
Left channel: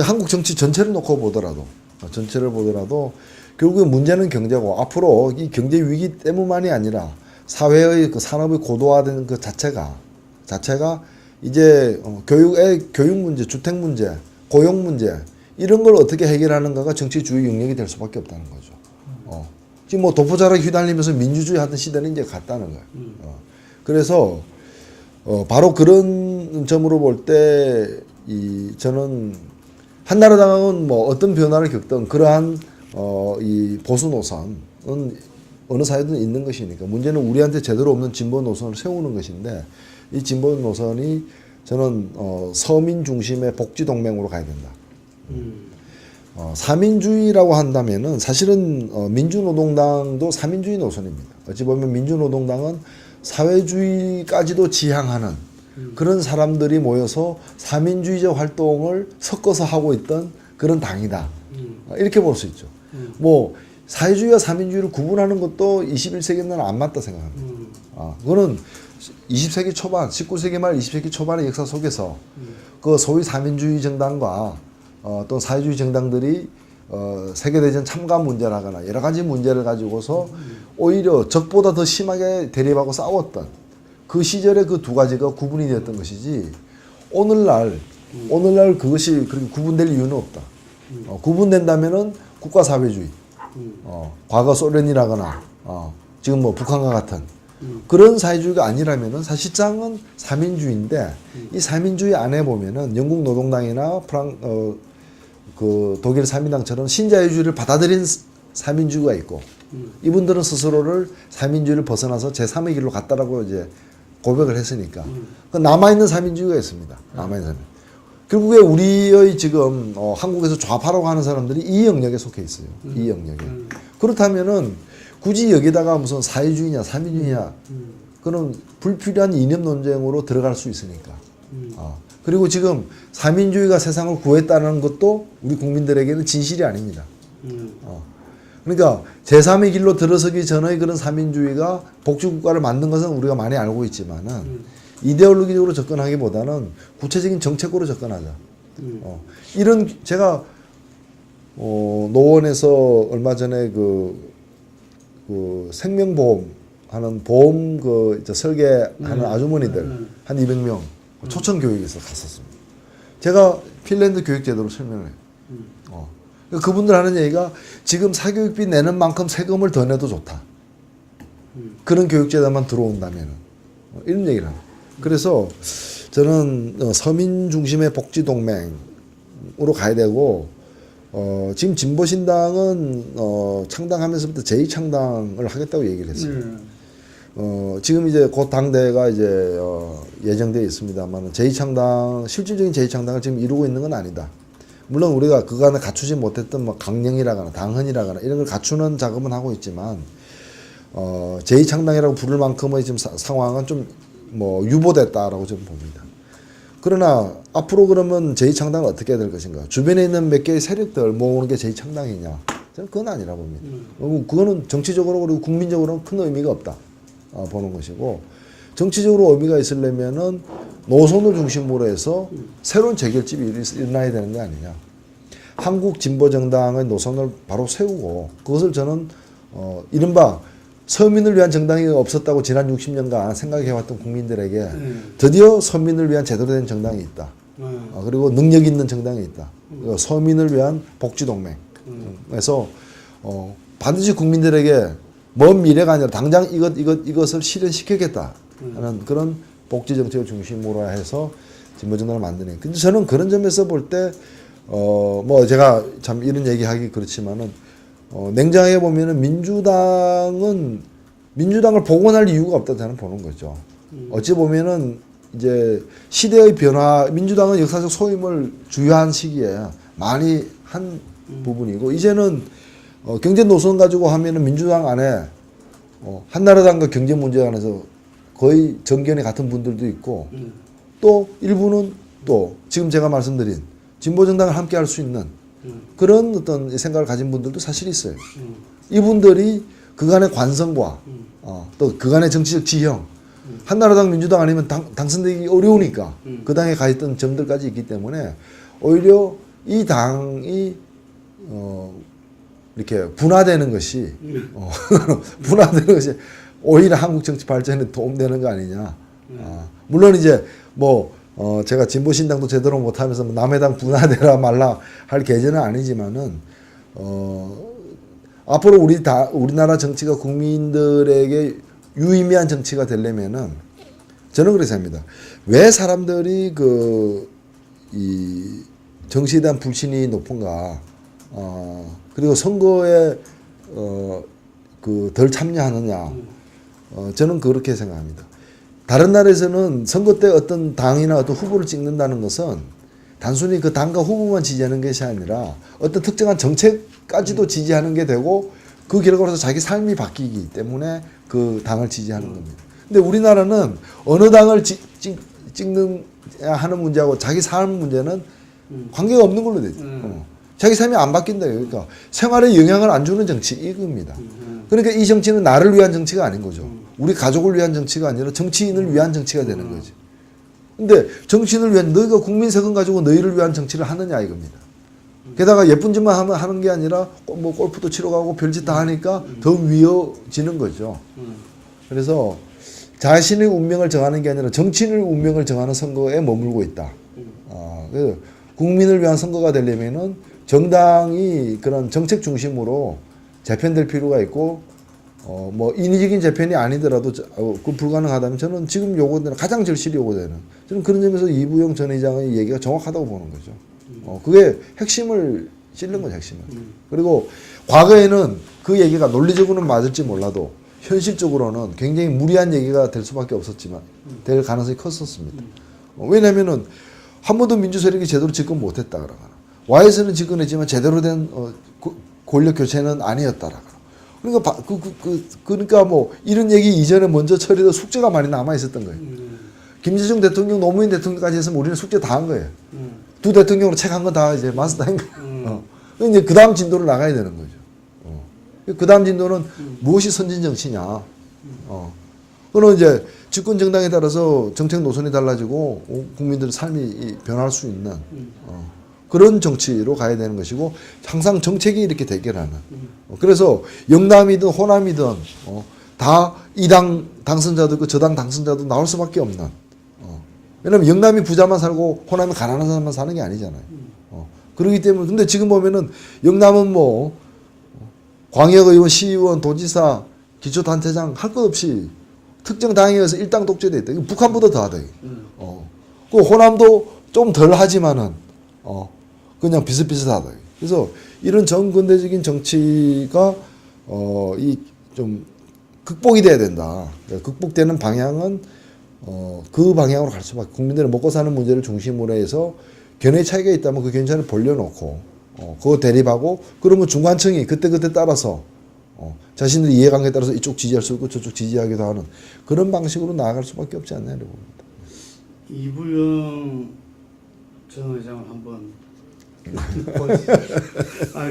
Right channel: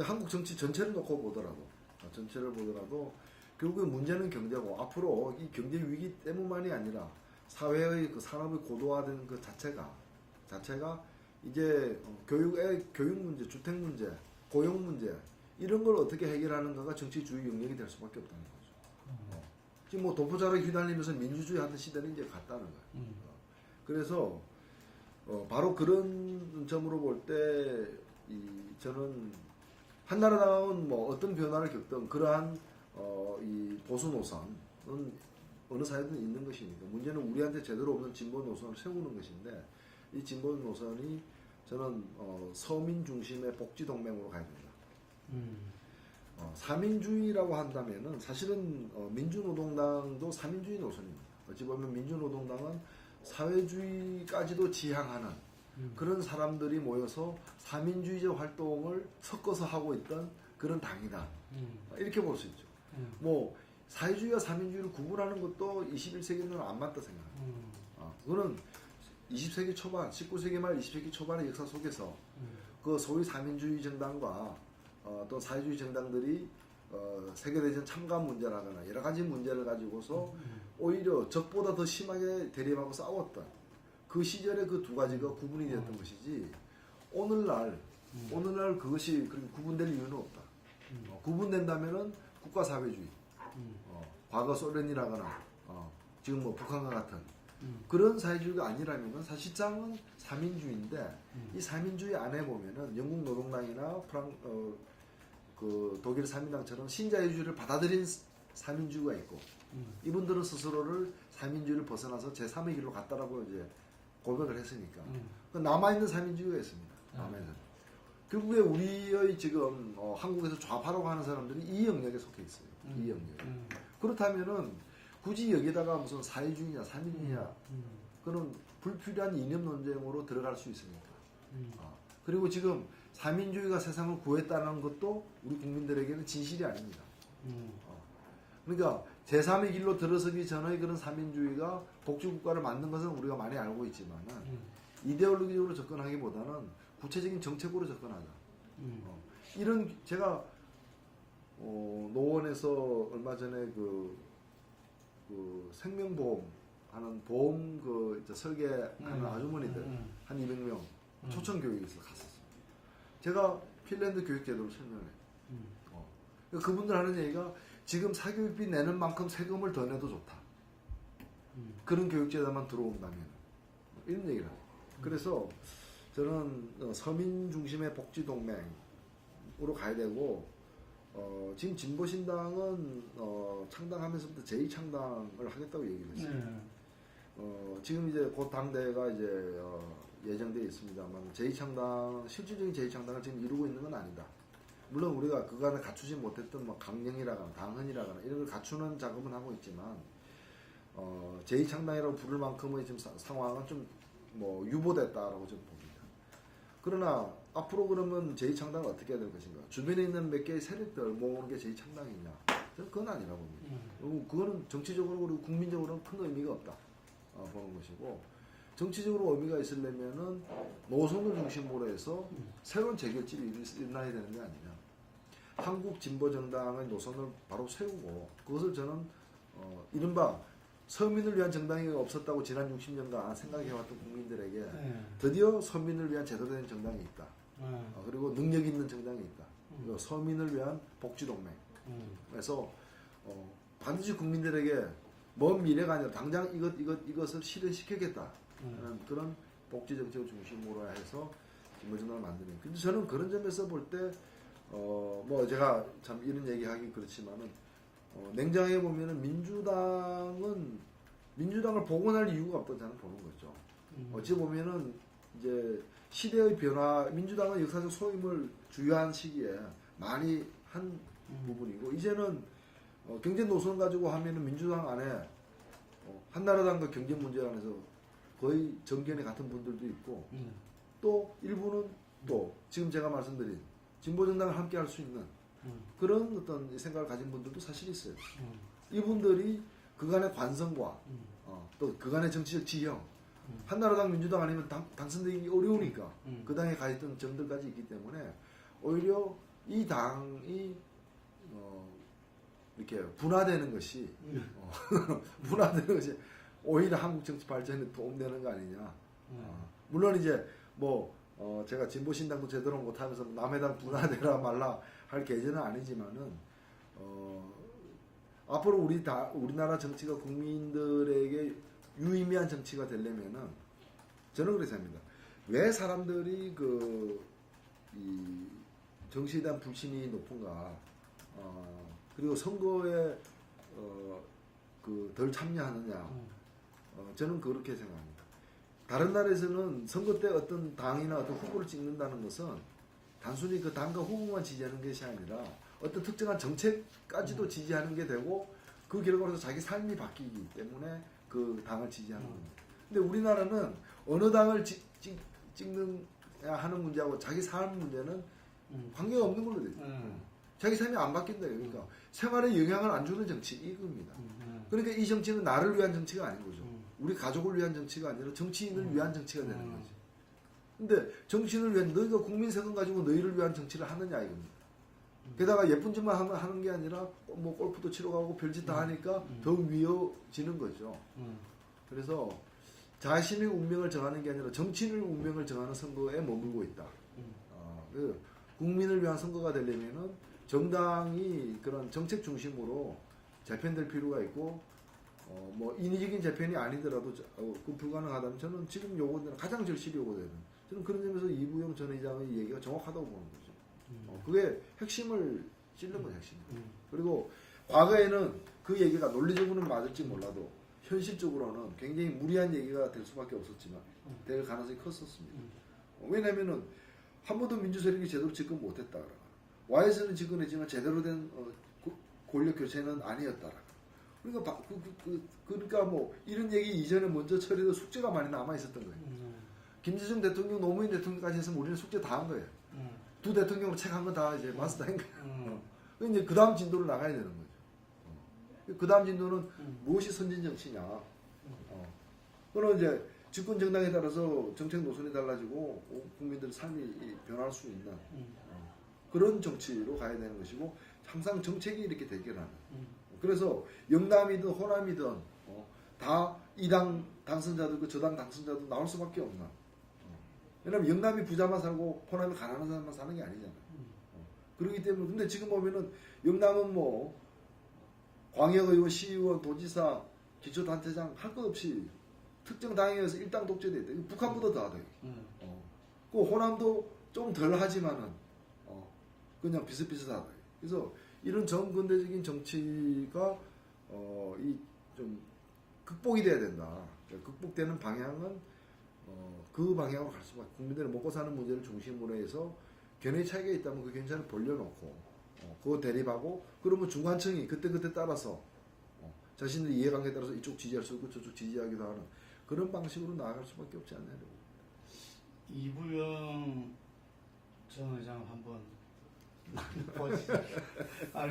한국 정치 전체를 놓고 보더라도 결국에 문제는 경제고 앞으로 이 경제 위기 때문만이 아니라 사회의 그 산업이 고도화되는 그 자체가 이제 교육 문제, 주택 문제, 고용 문제 이런 걸 어떻게 해결하는가가 정치 주요 영역이 될 수밖에 없다는 거죠. 지금 뭐 도포자락 휘날리면서 민주주의 하던 시대는 이제 갔다는 거예요. 그래서 바로 그런 점으로 볼 때 저는 한나라당은 뭐 어떤 변화를 겪든 그러한 이 보수 노선은 어느 사회든 있는 것이니까 문제는 우리한테 제대로 없는 진보 노선을 세우는 것인데 이 진보 노선이 저는 서민 중심의 복지 동맹으로 가야 된다. 사민주의라고 한다면은 사실은 민주노동당도 사민주의 노선입니다. 어찌 보면 민주노동당은 사회주의까지도 지향하는 그런 사람들이 모여서 사민주의적 활동을 섞어서 하고 있던 그런 당이다. 이렇게 볼 수 있죠. 뭐 사회주의와 사민주의를 구분하는 것도 21세기에는 안 맞다 생각합니다. 그거는 20세기 초반, 19세기 말 20세기 초반의 역사 속에서 그 소위 사민주의 정당과 또 사회주의 정당들이 세계대전 참가 문제라거나 여러 가지 문제를 가지고서 오히려 적보다 더 심하게 대립하고 싸웠던 그 시절에 그 두 가지가 구분이 되었던 것이지 오늘날 그것이 그렇게 구분될 이유는 없다. 구분된다면은 국가사회주의, 과거 소련이라거나 지금 뭐 북한과 같은 그런 사회주의가 아니라면은 사실상은 사민주의인데 이 사민주의 안에 보면은 영국 노동당이나 그 독일 사민당처럼 신자유주의를 받아들인 사민주의가 있고 이분들은 스스로를 사민주의를 벗어나서 제3의 길로 갔다라고 이제 고백을 했으니까 남아있는 사민주의가 있습니다. 남아있는 사민. 결국에 우리의 지금 한국에서 좌파라고 하는 사람들이 이 영역에 속해 있어요. 이 영역에. 그렇다면은 굳이 여기다가 무슨 사회주의냐 사민주의냐 그런 불필요한 이념 논쟁으로 들어갈 수 있으니까. 그리고 지금 사민주의가 세상을 구했다는 것도 우리 국민들에게는 진실이 아닙니다. 그러니까 제3의 길로 들어서기 전의 그런 사민주의가 복지국가를 만든 것은 우리가 많이 알고 있지만은 이데올로기적으로 접근하기보다는 구체적인 정책으로 접근하자. 이런 제가 노원에서 얼마 전에 그 생명보험 하는 보험 설계하는 아주머니들 한 200명 초청 교육에서 갔었습니다. 제가 핀란드 교육 제도를 설명해요. 그분들 하는 얘기가 지금 사교육비 내는 만큼 세금을 더 내도 좋다. 그런 교육제도만 들어온다면 이런 얘기를 합니다. 그래서 저는 서민 중심의 복지 동맹으로 가야 되고 지금 진보신당은 창당하면서부터 제2창당을 하겠다고 얘기를 했어요. 지금 이제 곧 당대회가 이제 예정되어 있습니다만 제2창당 실질적인 제2창당을 지금 이루고 있는 건 아니다. 물론 우리가 그간에 갖추지 못했던 뭐 강령이라거나 당헌이라거나 이런 걸 갖추는 작업은 하고 있지만 제2창당이라고 부를 만큼의 지금 상황은 좀 뭐 유보됐다라고 저는 봅니다. 그러나 앞으로 그러면 제2창당을 어떻게 해야 될 것인가? 주변에 있는 몇 개의 세력들 모으는 게 제2창당이냐? 저는 그건 아니라 봅니다. 그거는 정치적으로 그리고 국민적으로는 큰 의미가 없다 보는 것이고 정치적으로 의미가 있으려면은 노선을 중심으로 해서 새로운 재결집이 일어나야 되는 거 아니냐. 한국 진보정당의 노선을 바로 세우고 그것을 저는 이른바 서민을 위한 정당이 없었다고 지난 60년간 생각해왔던 국민들에게 드디어 서민을 위한 제대로 된 정당이 있다. 그리고 능력 있는 정당이 있다. 서민을 위한 복지동맹. 그래서 반드시 국민들에게 먼 미래가 아니라 당장 이것을 실현시키겠다 하는 그런 복지 정책을 중심으로 해서 진보정당을 만드는. 근데 저는 그런 점에서 볼 때 뭐 제가 참 이런 얘기하기 그렇지만은 냉정하게 보면은 민주당을 복원할 이유가 없다 저는 보는 거죠. 어찌 보면은 이제 시대의 변화, 민주당은 역사적 소임을 주요한 시기에 많이 한 부분이고 이제는 경제 노선 가지고 하면은 민주당 안에 한나라당과 경제 문제 관해서 거의 정견이 같은 분들도 있고 또 일부는 또 지금 제가 말씀드린 진보 정당을 함께 할 수 있는 그런 어떤 생각을 가진 분들도 사실 있어요. 이분들이 그간의 관성과 또 그간의 정치적 지형 한나라당 민주당 아니면 당선되기 어려우니까 그 당에 가 있던 점들까지 있기 때문에 오히려 이 당이 이렇게 분화되는 것이 분화되는 것이 오히려 한국 정치 발전에 도움되는 거 아니냐. 물론 이제 뭐 제가 진보신당도 제대로 못하면서 남의 당 분화되라 말라 할 계제는 아니지만은 앞으로 우리나라 정치가 국민들에게 유의미한 정치가 되려면은 저는 그렇게 생각합니다. 왜 사람들이 이 정치에 대한 불신이 높은가? 그리고 선거에 덜 참여하느냐? 저는 그렇게 생각합니다. 다른 나라에서는 선거 때 어떤 당이나 어떤 후보를 찍는다는 것은 단순히 그 당과 후보만 지지하는 것이 아니라 어떤 특정한 정책까지도 지지하는 게 되고 그 결과로서 자기 삶이 바뀌기 때문에 그 당을 지지하는 겁니다. 근데 우리나라는 어느 당을 찍는 하는 문제하고 자기 삶 문제는 관계가 없는 걸로 되죠. 자기 삶이 안 바뀐다. 그러니까 생활에 영향을 안 주는 정치 이겁니다. 그러니까 이 정치는 나를 위한 정치가 아닌 거죠. 우리 가족을 위한 정치가 아니라 정치인을 위한 정치가 되는 거지. 근데 정치인을 위한 너희가 국민 세금 가지고 너희를 위한 정치를 하느냐 이겁니다. 게다가 예쁜 짓만 하는 게 아니라 뭐 골프도 치러 가고 별짓 다 하니까 더 위어지는 거죠. 그래서 자신의 운명을 정하는 게 아니라 정치인의 운명을 정하는 선거에 머물고 있다. 그래서 국민을 위한 선거가 되려면은 정당이 그런 정책 중심으로 재편될 필요가 있고 뭐 인위적인 재편이 아니더라도 그 불가능하다면 저는 지금 요구되는 가장 절실히 요구되는 저는 그런 점에서 이부영 전 의장의 얘기가 정확하다고 보는 거죠. 그게 핵심을 찔른 거죠, 핵심을. 그리고 과거에는 그 얘기가 논리적으로는 맞을지 몰라도 현실적으로는 굉장히 무리한 얘기가 될 수밖에 없었지만 될 가능성이 컸었습니다. 왜냐면은 한 번도 민주 세력이 제대로 집권 못했다 그러거나 Y에서는 집권했지만 제대로 된 권력 교체는 아니었다라. 그러니까 그러니까 뭐 이런 얘기 이전에 먼저 처리해서 숙제가 많이 남아 있었던 거예요. 김대중 대통령, 노무현 대통령까지 했으면 우리는 숙제 다 한 거예요. 두 대통령으로 책 한 거 다 이제 마스터한 거예요. 이제 그 다음 진도를 나가야 되는 거죠. 그 다음 진도는 무엇이 선진 정치냐. 그는 이제 집권 정당에 따라서 정책 노선이 달라지고 국민들의 삶이 변할 수 있는 그런 정치로 가야 되는 것이고 항상 정책이 이렇게 대결하는. 그래서 영남이든 호남이든 다 이 당 당선자도 있고 저 당 당선자도 나올 수밖에 없는. 왜냐면 영남이 부자만 살고 호남이 가난한 사람만 사는 게 아니잖아요. 그렇기 때문에 근데 지금 보면은 영남은 뭐 광역의원, 시의원, 도지사, 기초단체장 할 것 없이 특정 당에 의해서 일당 독재돼 있다. 북한보다 더하다. 그 호남도 좀 덜 하지만은 그냥 비슷비슷하다. 그래서 이런 정근대적인 정치가 이 좀 극복이 돼야 된다. 극복되는 방향은 그 방향으로 갈 수밖에. 국민들의 먹고 사는 문제를 중심으로 해서 견해 차이가 있다면 그 견해를 벌려놓고 그거 대립하고 그러면 중간층이 그때그때 따라서 자신들의 이해관계에 따라서 이쪽 지지할 수 있고 저쪽 지지하기도 하는 그런 방식으로 나아갈 수밖에 없지 않나 이러고 봅니다. 이부영 전 의장을 한번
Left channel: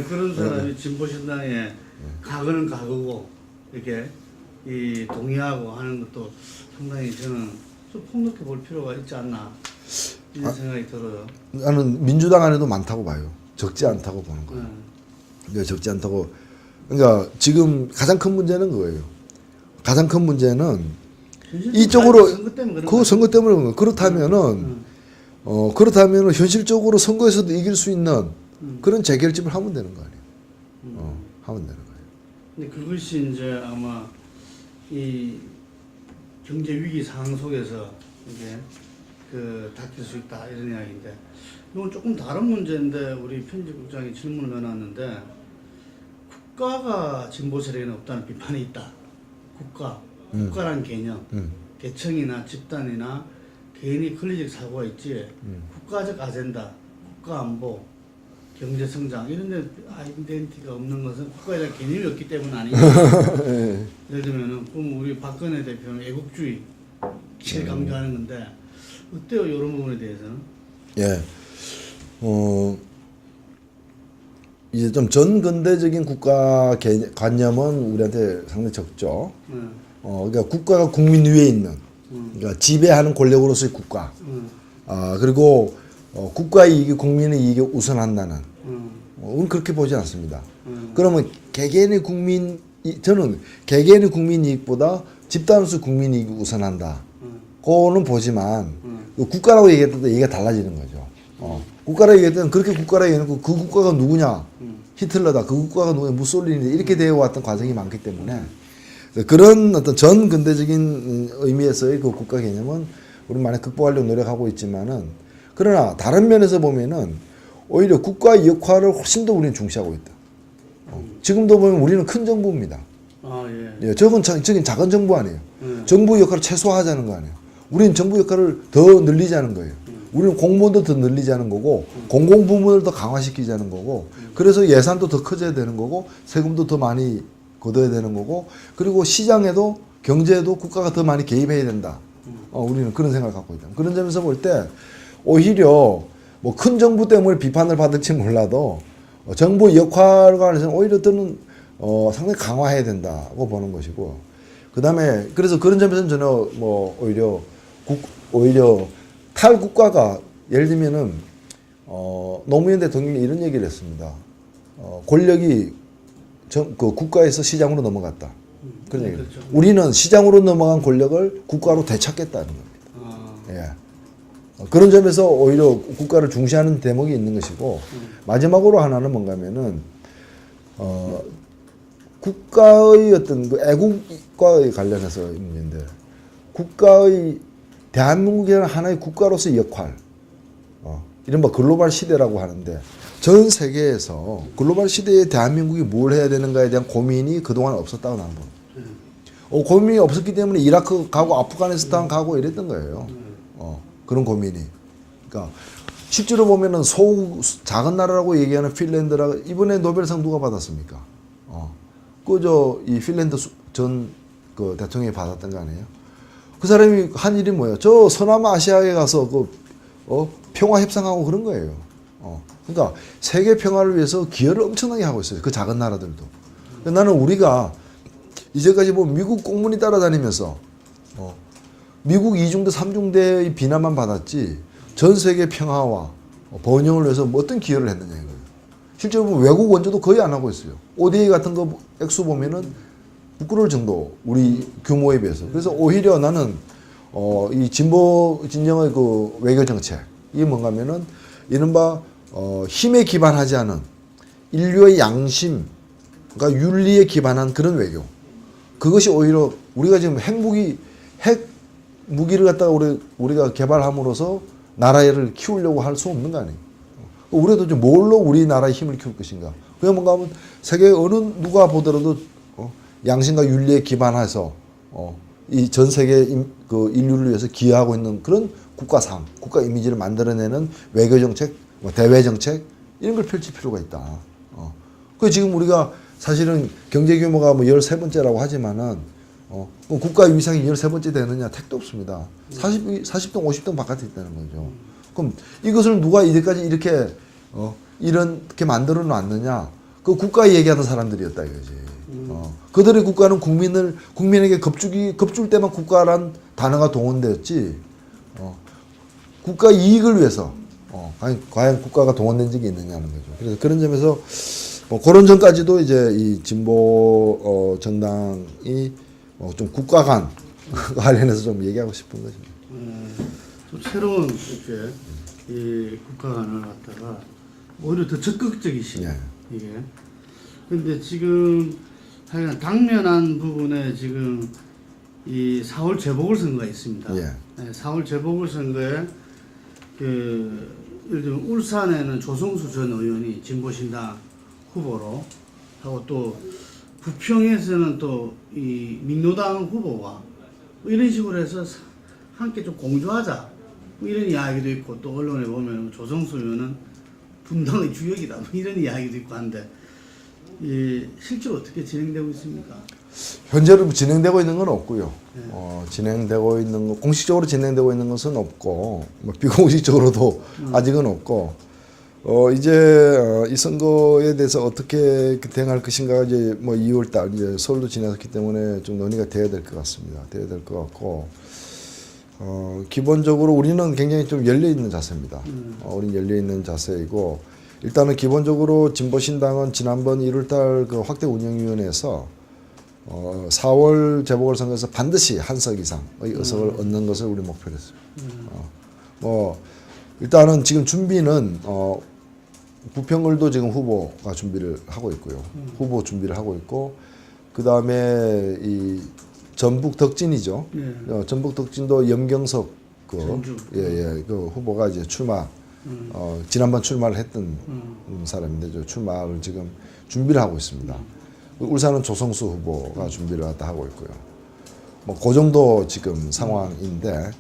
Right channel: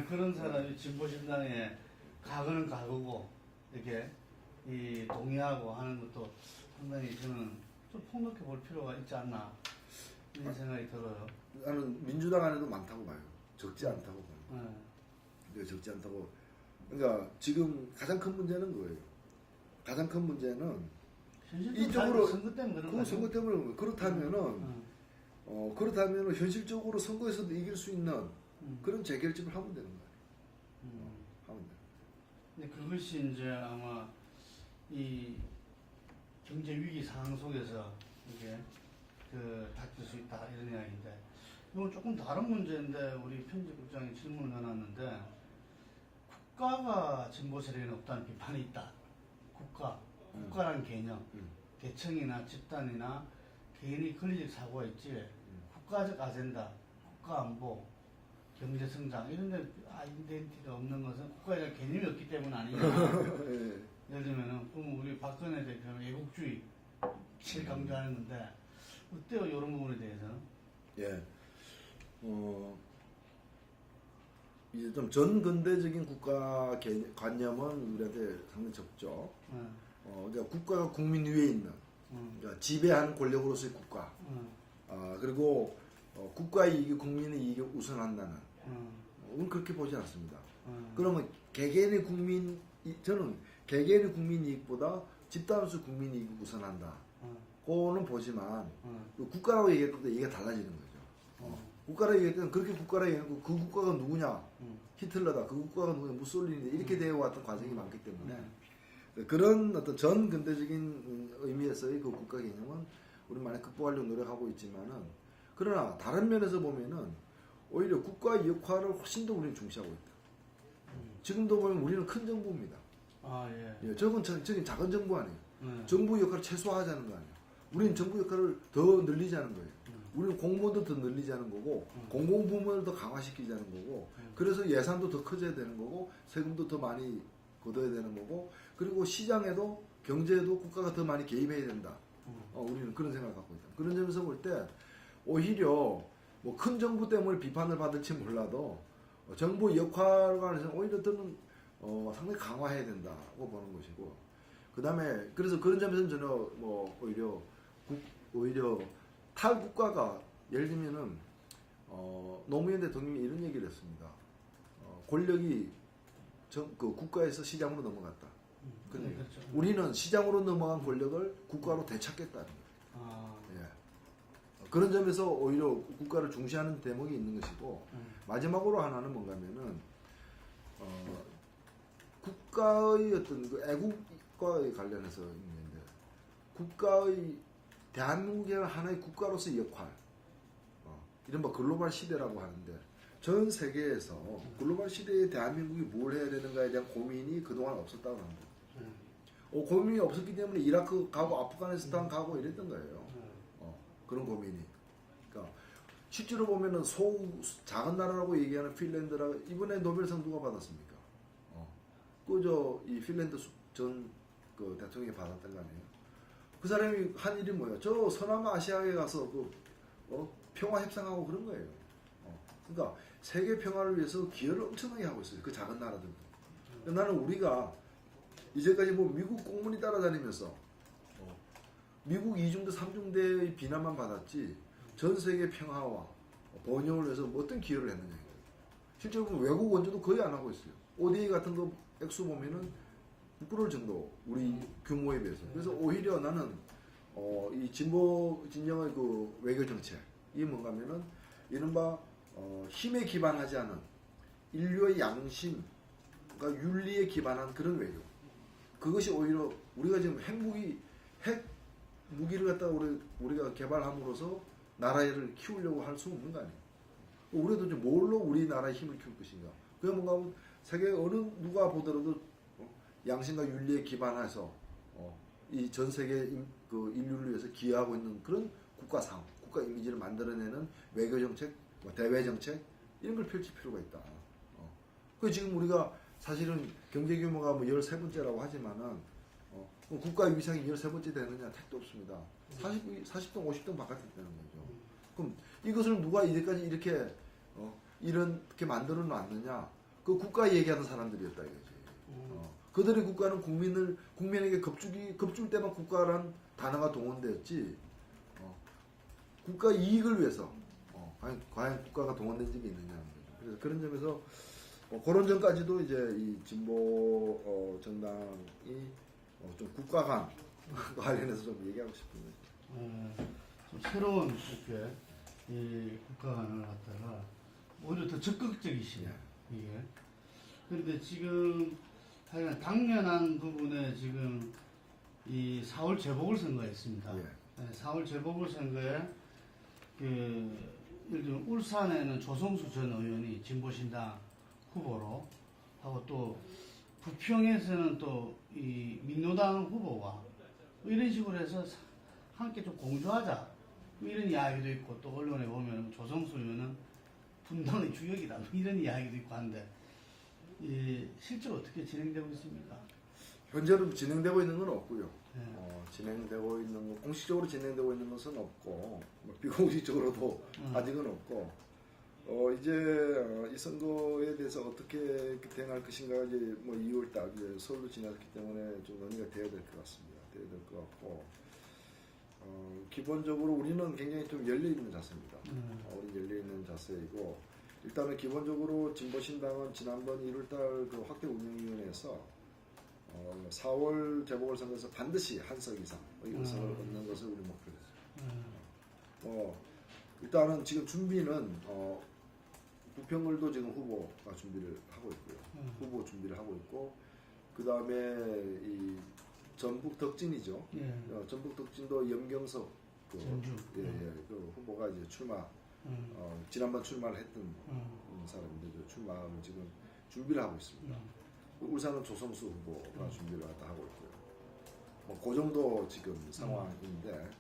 그런 사람이 진보신당에 가거는 가거고 이렇게 이 동의하고 하는 것도 상당히 저는 좀 폭넓게 볼 필요가 있지 않나 이런 생각이 들어요. 나는 민주당 안에도 많다고 봐요. 적지 않다고 보는 거예요. 적지 않다고. 그러니까 지금 가장 큰 문제는 그거예요. 가장 큰 문제는 이쪽으로 선거 때문에 그런 거예요. 그렇다면은 현실적으로 선거에서도 이길 수 있는 그런 재결집을 하면 되는 거 아니에요. 하면 되는 거예요. 근데 그것이 이제 아마 이 경제 위기 상황 속에서 이게 닥칠 수 있다 이런 이야기인데 이건 조금 다른 문제인데 우리 편집국장이 질문을 해놨는데 국가가 진보 세력에는 없다는 비판이 있다. 국가라는 개념, 계층이나 집단이나 개인이 권리적 사고가 있지 국가적 아젠다, 국가 안보, 경제 성장 이런 데 아이덴티티가 없는 것은 국가에 대한 개념이 없기 때문 아니냐. 예. 예를 들면은 그럼 우리 박근혜 대표는 애국주의 제일 강조하는 건데 어때요 이런 부분에 대해서는? 예. 이제 좀 전근대적인 국가 관념은 우리한테 상당히 적죠. 그러니까 국가가 국민 위에 있는, 그러니까 지배하는 권력으로서의 국가. 그리고 국가의 이익이 국민의 이익에 우선한다는. 우리는 그렇게 보지 않습니다. 그러면 개개인의 저는 개개인의 국민 이익보다 집단으로서 국민 이익이 우선한다. 그거는 보지만 국가라고 얘기했을 때 얘기가 달라지는 거죠. 국가라고 얘기할 때는 그렇게 국가라고 얘기해놓고 그 국가가 누구냐? 히틀러다. 그 국가가 누구냐? 무솔리니다. 이렇게 되어 왔던 과정이 많기 때문에 그런 어떤 전 근대적인 의미에서의 그 국가 개념은 우리 많이 극복하려고 노력하고 있지만은 그러나 다른 면에서 보면은 오히려 국가의 역할을 훨씬 더 우리는 중시하고 있다. 지금도 보면 우리는 큰 정부입니다. 예, 저건 작은 정부 아니에요. 정부 역할을 최소화하자는 거 아니에요. 우리는 정부 역할을 더 늘리자는 거예요. 우리는 공무원도 더 늘리자는 거고 공공부문을 더 강화시키자는 거고 그래서 예산도 더 커져야 되는 거고 세금도 더 많이 걷어야 되는 거고 그리고 시장에도 경제에도 국가가 더 많이 개입해야 된다. 우리는 그런 생각을 갖고 있다. 그런 점에서 볼 때 오히려 뭐 큰 정부 때문에 비판을 받을지 몰라도 정부 역할과 관해서는 오히려 저는 상당히 강화해야 된다고 보는 것이고 그다음에 그래서 그런 점에서는 저는 뭐 오히려 탈국가가 예를 들면은 노무현 대통령이 이런 얘기를 했습니다. 권력이 그 국가에서 시장으로 넘어갔다. 그런 얘기를. 그렇죠. 우리는 시장으로 넘어간 권력을 국가로 되찾겠다는 겁니다. 예. 그런 점에서 오히려 국가를 중시하는 대목이 있는 것이고 마지막으로 하나는 뭔가면은 국가의 어떤 그 애국과의 관련해서 문제인데 국가의 대한민국이라는 하나의 국가로서의 역할 이른바 글로벌 시대라고 하는데 전 세계에서 글로벌 시대에 대한민국이 뭘 해야 되는가에 대한 고민이 그동안 없었다고 나는 봅니다. 고민이 없었기 때문에 이라크 가고 아프가니스탄 가고 이랬던 거예요. 그런 고민이. 그러니까 실제로 보면은 작은 나라라고 얘기하는 핀란드라 이번에 노벨상 누가 받았습니까? 이 핀란드 전 그 대통령이 받았던 거 아니에요? 그 사람이 한 일이 뭐예요? 저 서남아시아에 가서 평화 협상하고 그런 거예요. 그러니까 세계 평화를 위해서 기여를 엄청나게 하고 있어요. 그 작은 나라들도. 나는 우리가 이제까지 보면 미국 공문이 따라다니면서 미국 이중대 삼중대의 비난만 받았지 전 세계 평화와 번영을 위해서 뭐 어떤 기여를 했느냐 이거예요. 실제로 보면 외국 원조도 거의 안 하고 있어요. ODA 같은 거 액수 보면은 부끄러울 정도 우리 규모에 비해서. 그래서 오히려 나는 이 진보 진영의 그 외교 정책 이게 뭔가면은 이른바 힘에 기반하지 않은 인류의 양심, 그러니까 윤리에 기반한 그런 외교. 그것이 오히려 우리가 지금 핵 무기를 갖다가 우리가 개발함으로써 나라를 키우려고 할 수 없는 거 아니에요. 우리도 좀 뭘로 우리나라의 힘을 키울 것인가. 그게 뭔가 하면 세계 어느 누가 보더라도 양심과 윤리에 기반해서 이 전 세계 그 인류를 위해서 기여하고 있는 그런 국가상, 국가 이미지를 만들어내는 외교 정책, 대외 정책 이런 걸 펼칠 필요가 있다. 그 지금 우리가 사실은 경제 규모가 뭐 13번째라고 하지만은 국가 위상이 13번째 되느냐 택도 없습니다. 40등, 50등 바깥에 있다는 거죠. 그럼 이것을 누가 이제까지 이렇게 만들어 놨느냐? 그 국가 얘기하는 사람들이었다 이거지. 그들의 국가는 국민에게 겁줄 때만 국가란 단어가 동원되었지. 국가 이익을 위해서 과연 국가가 동원된 적이 있느냐는 거죠. 그래서 그런 점에서 그런 점까지도 이제 이 진보 정당이 좀 국가 간 관련해서 좀 얘기하고 싶은 것입니다. 좀 새로운 이렇게 이 국가관을 갖다가 오히려 더 적극적이시네 이게. 근데 지금 하여간 당면한 부분에 지금 이 4월 재보궐선거가 있습니다. 네, 4월 재보궐선거에 그 예를 들면 울산에는 조성수 전 의원이 진보신당 후보로 하고 또 부평에서는 또 이 민노당 후보와 이런 식으로 해서 함께 좀 공조하자 뭐 이런 이야기도 있고 또 언론에 보면 조성수 의원은 분당의 주역이다 뭐 이런 이야기도 있고 한데 실제로 어떻게 진행되고 있습니까? 현재로 진행되고 있는 건 없고요. 네. 진행되고 있는 거 공식적으로 진행되고 있는 것은 없고 뭐 비공식적으로도 아직은 없고 이제 이 선거에 대해서 어떻게 대응할 것인가 이제 뭐 2월달 이제 서울도 지났기 때문에 좀 논의가 돼야 될 것 같습니다. 돼야 될 것 같고 기본적으로 우리는 굉장히 좀 열려 있는 자세입니다. 우리는 열려 있는 자세이고 일단은 기본적으로 진보신당은 지난번 1월달 그 확대 운영위원회에서 4월 재보궐선거에서 반드시 한 석 이상의 의석을 얻는 것을 우리 목표로 했습니다. 뭐 일단은 지금 준비는 부평을도 지금 후보가 준비를 하고 있고요. 후보 준비를 하고 있고 그 다음에 이 전북 덕진이죠. 전북 덕진도 염경석 그 후보가 이제 출마 지난번 출마를 했던 사람인데 저 출마를 지금 준비를 하고 있습니다. 울산은 조성수 후보가 준비를 하고 있고요. 뭐 그 정도 지금 상황인데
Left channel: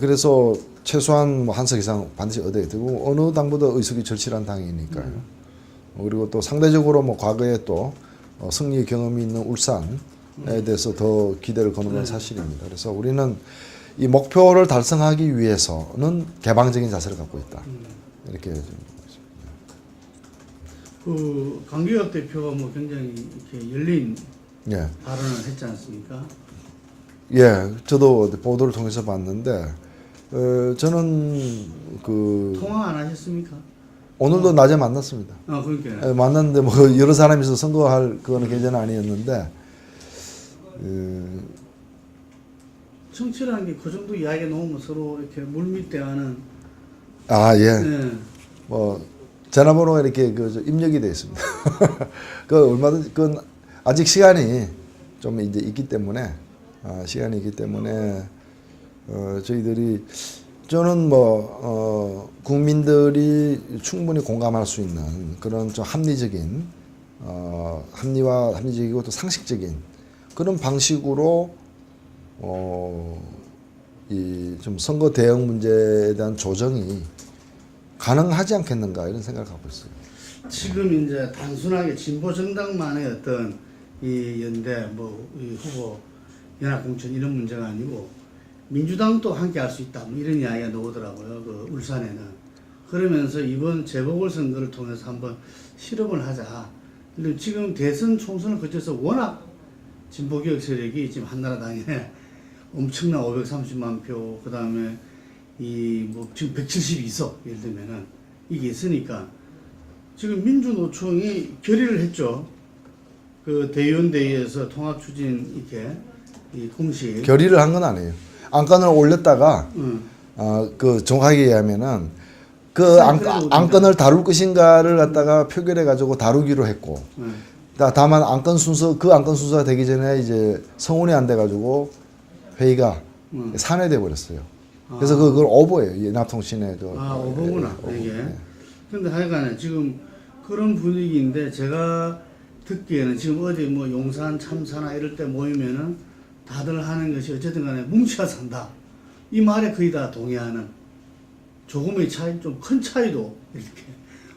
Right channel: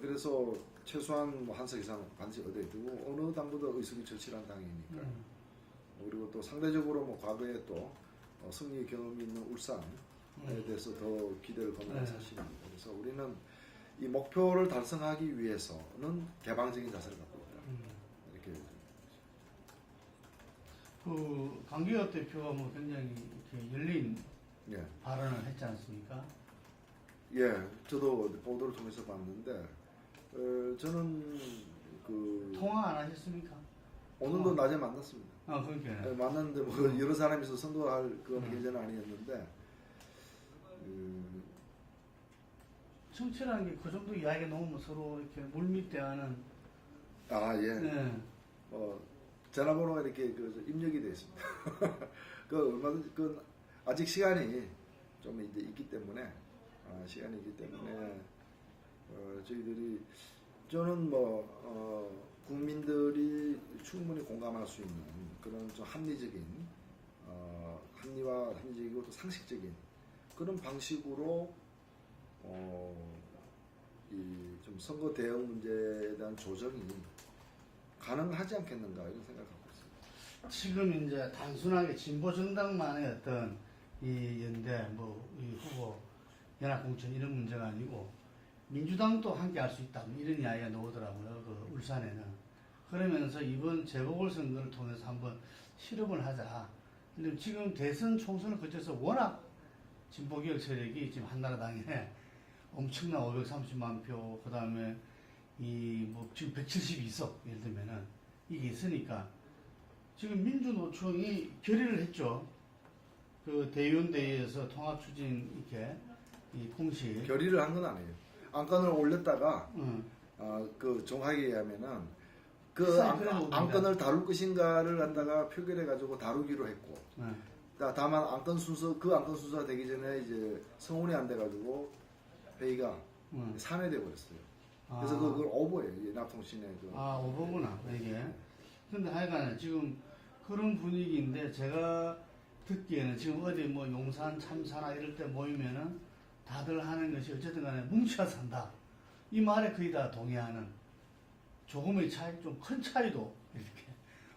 그래서 최소한 뭐 한 석 이상 반드시 얻어야 되고 어느 당보다 의석이 절실한 당이니까요. 그리고 또 상대적으로 뭐 과거에 또 승리 경험이 있는 울산에 대해서 더 기대를 거는 건 사실입니다. 그래서 우리는 이 목표를 달성하기 위해서는 개방적인 자세를 갖고 있다. 이렇게 좀 그 강기혁 대표가 뭐 굉장히 이렇게 열린 예. 발언을 했지 않습니까? 예, 저도 보도를 통해서 봤는데 저는 그 통화 안 하셨습니까? 오늘도 낮에 만났습니다. 그러니까 예, 만났는데 뭐 여러 사람이 있어서 선거할 그거는 계제는 아니었는데 정치라는 게 그 정도 이야기 놓으면 서로 이렇게 물밑대하는 예. 뭐 전화번호가 이렇게 그 입력이 되어 있습니다. 그 얼마든지 그 아직 시간이 좀 이제 있기 때문에 저희들이 저는 뭐 국민들이 충분히 공감할 수 있는 그런 좀 합리적인 합리적이고 또 상식적인 그런 방식으로 이 좀 선거 대응 문제에 대한 조정이 가능하지 않겠는가 이런 생각을 갖고 있어요. 지금 이제 단순하게 진보 정당만의 어떤 이 연대 이 후보 연합 공천 이런 문제가 아니고 민주당도 함께 할 수 있다 뭐 이런 이야기가 나오더라고요. 그 울산에는 그러면서 이번 재보궐선거를 통해서 한번 실험을 하자. 그리고 지금 대선 총선을 거쳐서 워낙 진보개혁 세력이 지금 한나라당에 엄청난 530만 표, 그 다음에 지금 172석 예를 들면은 이게 있으니까 지금 민주노총이 결의를 했죠. 그 대의원대회에서 통합추진 이렇게 이 공식 결의를 한 건 아니에요. 안건을 올렸다가 그 정확하게 얘기하면은 그 안건을 다룰 것인가를 갖다가 표결해 가지고 다루기로 했고 다만 안건 순서가 되기 전에 이제 성원이 안 돼 가지고 회의가 산회돼 버렸어요. 그래서 그걸 오버예요. 연합통신의 오버구나 이게. 근데 하여간에 지금 그런 분위기인데 제가 듣기에는 지금 어디 뭐 용산 참사나 이럴 때 모이면은 다들 하는 것이 어쨌든 간에 뭉쳐야 산다. 이 말에 거의 다 동의하는 조금의 차이, 좀 큰 차이도 이렇게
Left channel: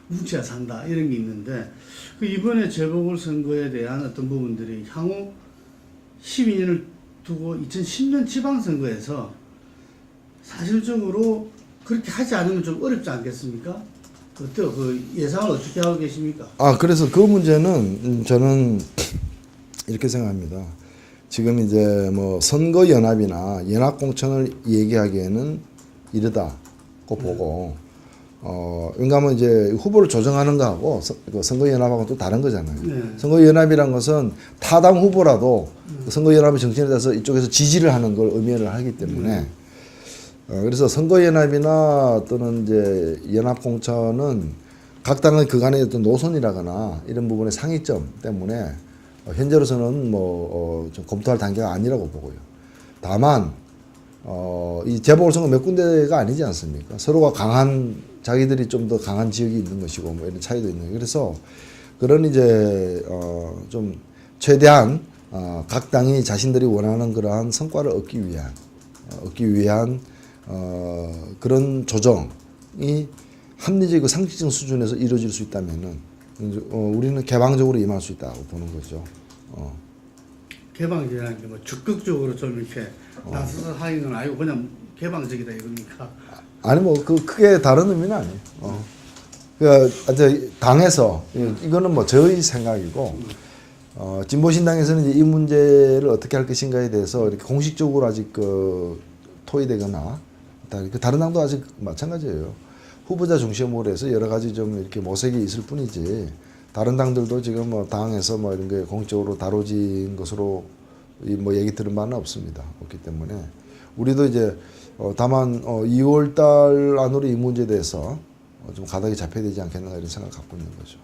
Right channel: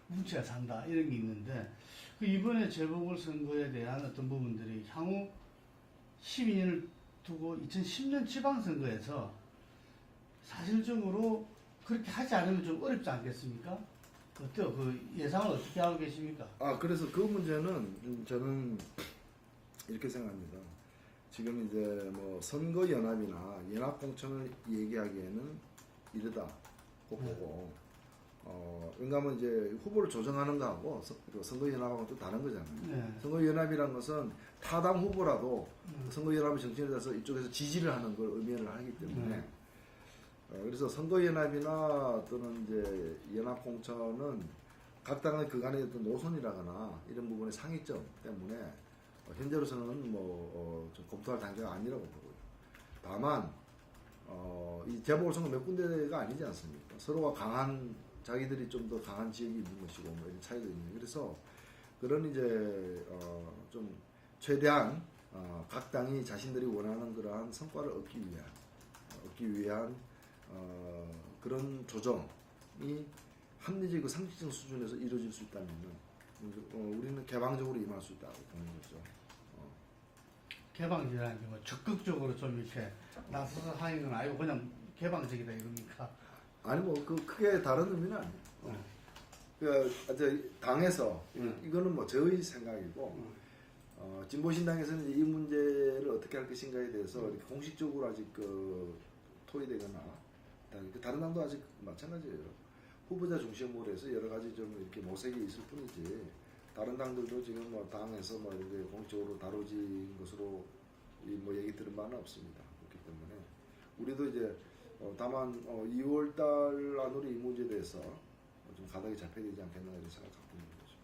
뭉쳐야 산다 이런 게 있는데 그 이번에 재보궐선거에 대한 어떤 부분들이 향후 12년을 두고 2010년 지방선거에서 사실적으로 그렇게 하지 않으면 좀 어렵지 않겠습니까? 어때요? 그 예상을 어떻게 하고 계십니까? 그래서 그 문제는 저는 이렇게 생각합니다. 지금 이제 뭐 선거 연합이나 연합 공천을 얘기하기에는 이르다고 보고 왜냐하면 이제 후보를 조정하는 거하고 선거 연합하고 또 다른 거잖아요. 네. 선거 연합이란 것은 타당 후보라도 선거 연합의 정신에 대해서 이쪽에서 지지를 하는 걸 의미를 하기 때문에 그래서 선거 연합이나 또는 이제 연합 공천은 각 당의 그간의 어떤 노선이라거나 이런 부분의 상이점 때문에 현재로서는 좀 검토할 단계가 아니라고 보고요. 다만 이 재보궐선거 몇 군데가 아니지 않습니까? 서로가 강한 자기들이 좀 더 강한 지역이 있는 것이고 뭐 이런 차이도 있는 거예요. 그래서 그런 이제 좀 최대한 각 당이 자신들이 원하는 그러한 성과를 얻기 위한 그런 조정이 합리적이고 상식적 수준에서 이루어질 수 있다면은 우리는 개방적으로 임할 수 있다고 보는 거죠. 개방이라는 게 뭐 적극적으로 좀 이렇게 나서서 하는 건 아니고 그냥 개방적이다 이겁니까? 아니 뭐 그 크게 다른 의미는 아니에요. 그 당에서 이거는 뭐 저의 생각이고 진보신당에서는 이제 이 문제를 어떻게 할 것인가에 대해서 이렇게 공식적으로 아직 토의되거나 다른 당도 아직 마찬가지예요. 후보자 중심으로 해서 여러 가지 좀 이렇게 모색이 있을 뿐이지 다른 당들도 지금 뭐 당에서 뭐 이런 게 공식적으로 다뤄진 것으로 뭐 얘기 들은 바는 없습니다. 없기 때문에 우리도 이제 다만 2월 달 안으로 이 문제에 대해서 좀 가닥이 잡혀야 되지 않겠는가 이런 생각을 갖고 있는 거죠.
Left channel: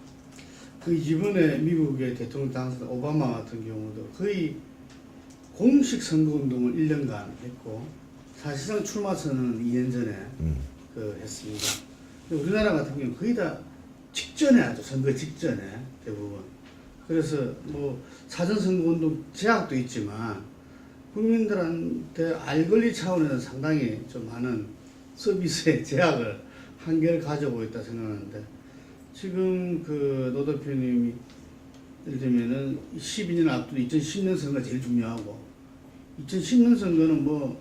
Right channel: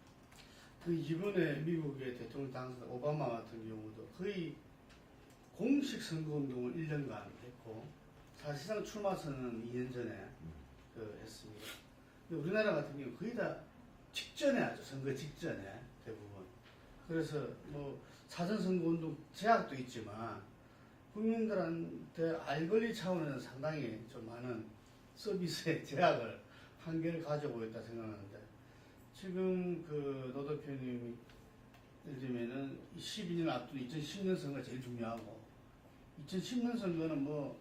그 이번에 미국의 대통령 당선 오바마 같은 경우도 거의 공식 선거 운동을 1년간 했고 사실상 출마 선언은 2년 전에 했습니다. 우리나라 같은 경우는 거의 다 직전에 하죠. 선거 직전에 대부분. 그래서 뭐 사전 선거 운동 제약도 있지만 국민들한테 알 권리 차원에서 상당히 좀 많은 서비스의 제약을 한계를 가져오고 있다 생각하는데 지금 그 노 대표님이 예를 들면은 12년 앞둔 2010년 선거가 제일 중요하고 2010년 선거는 뭐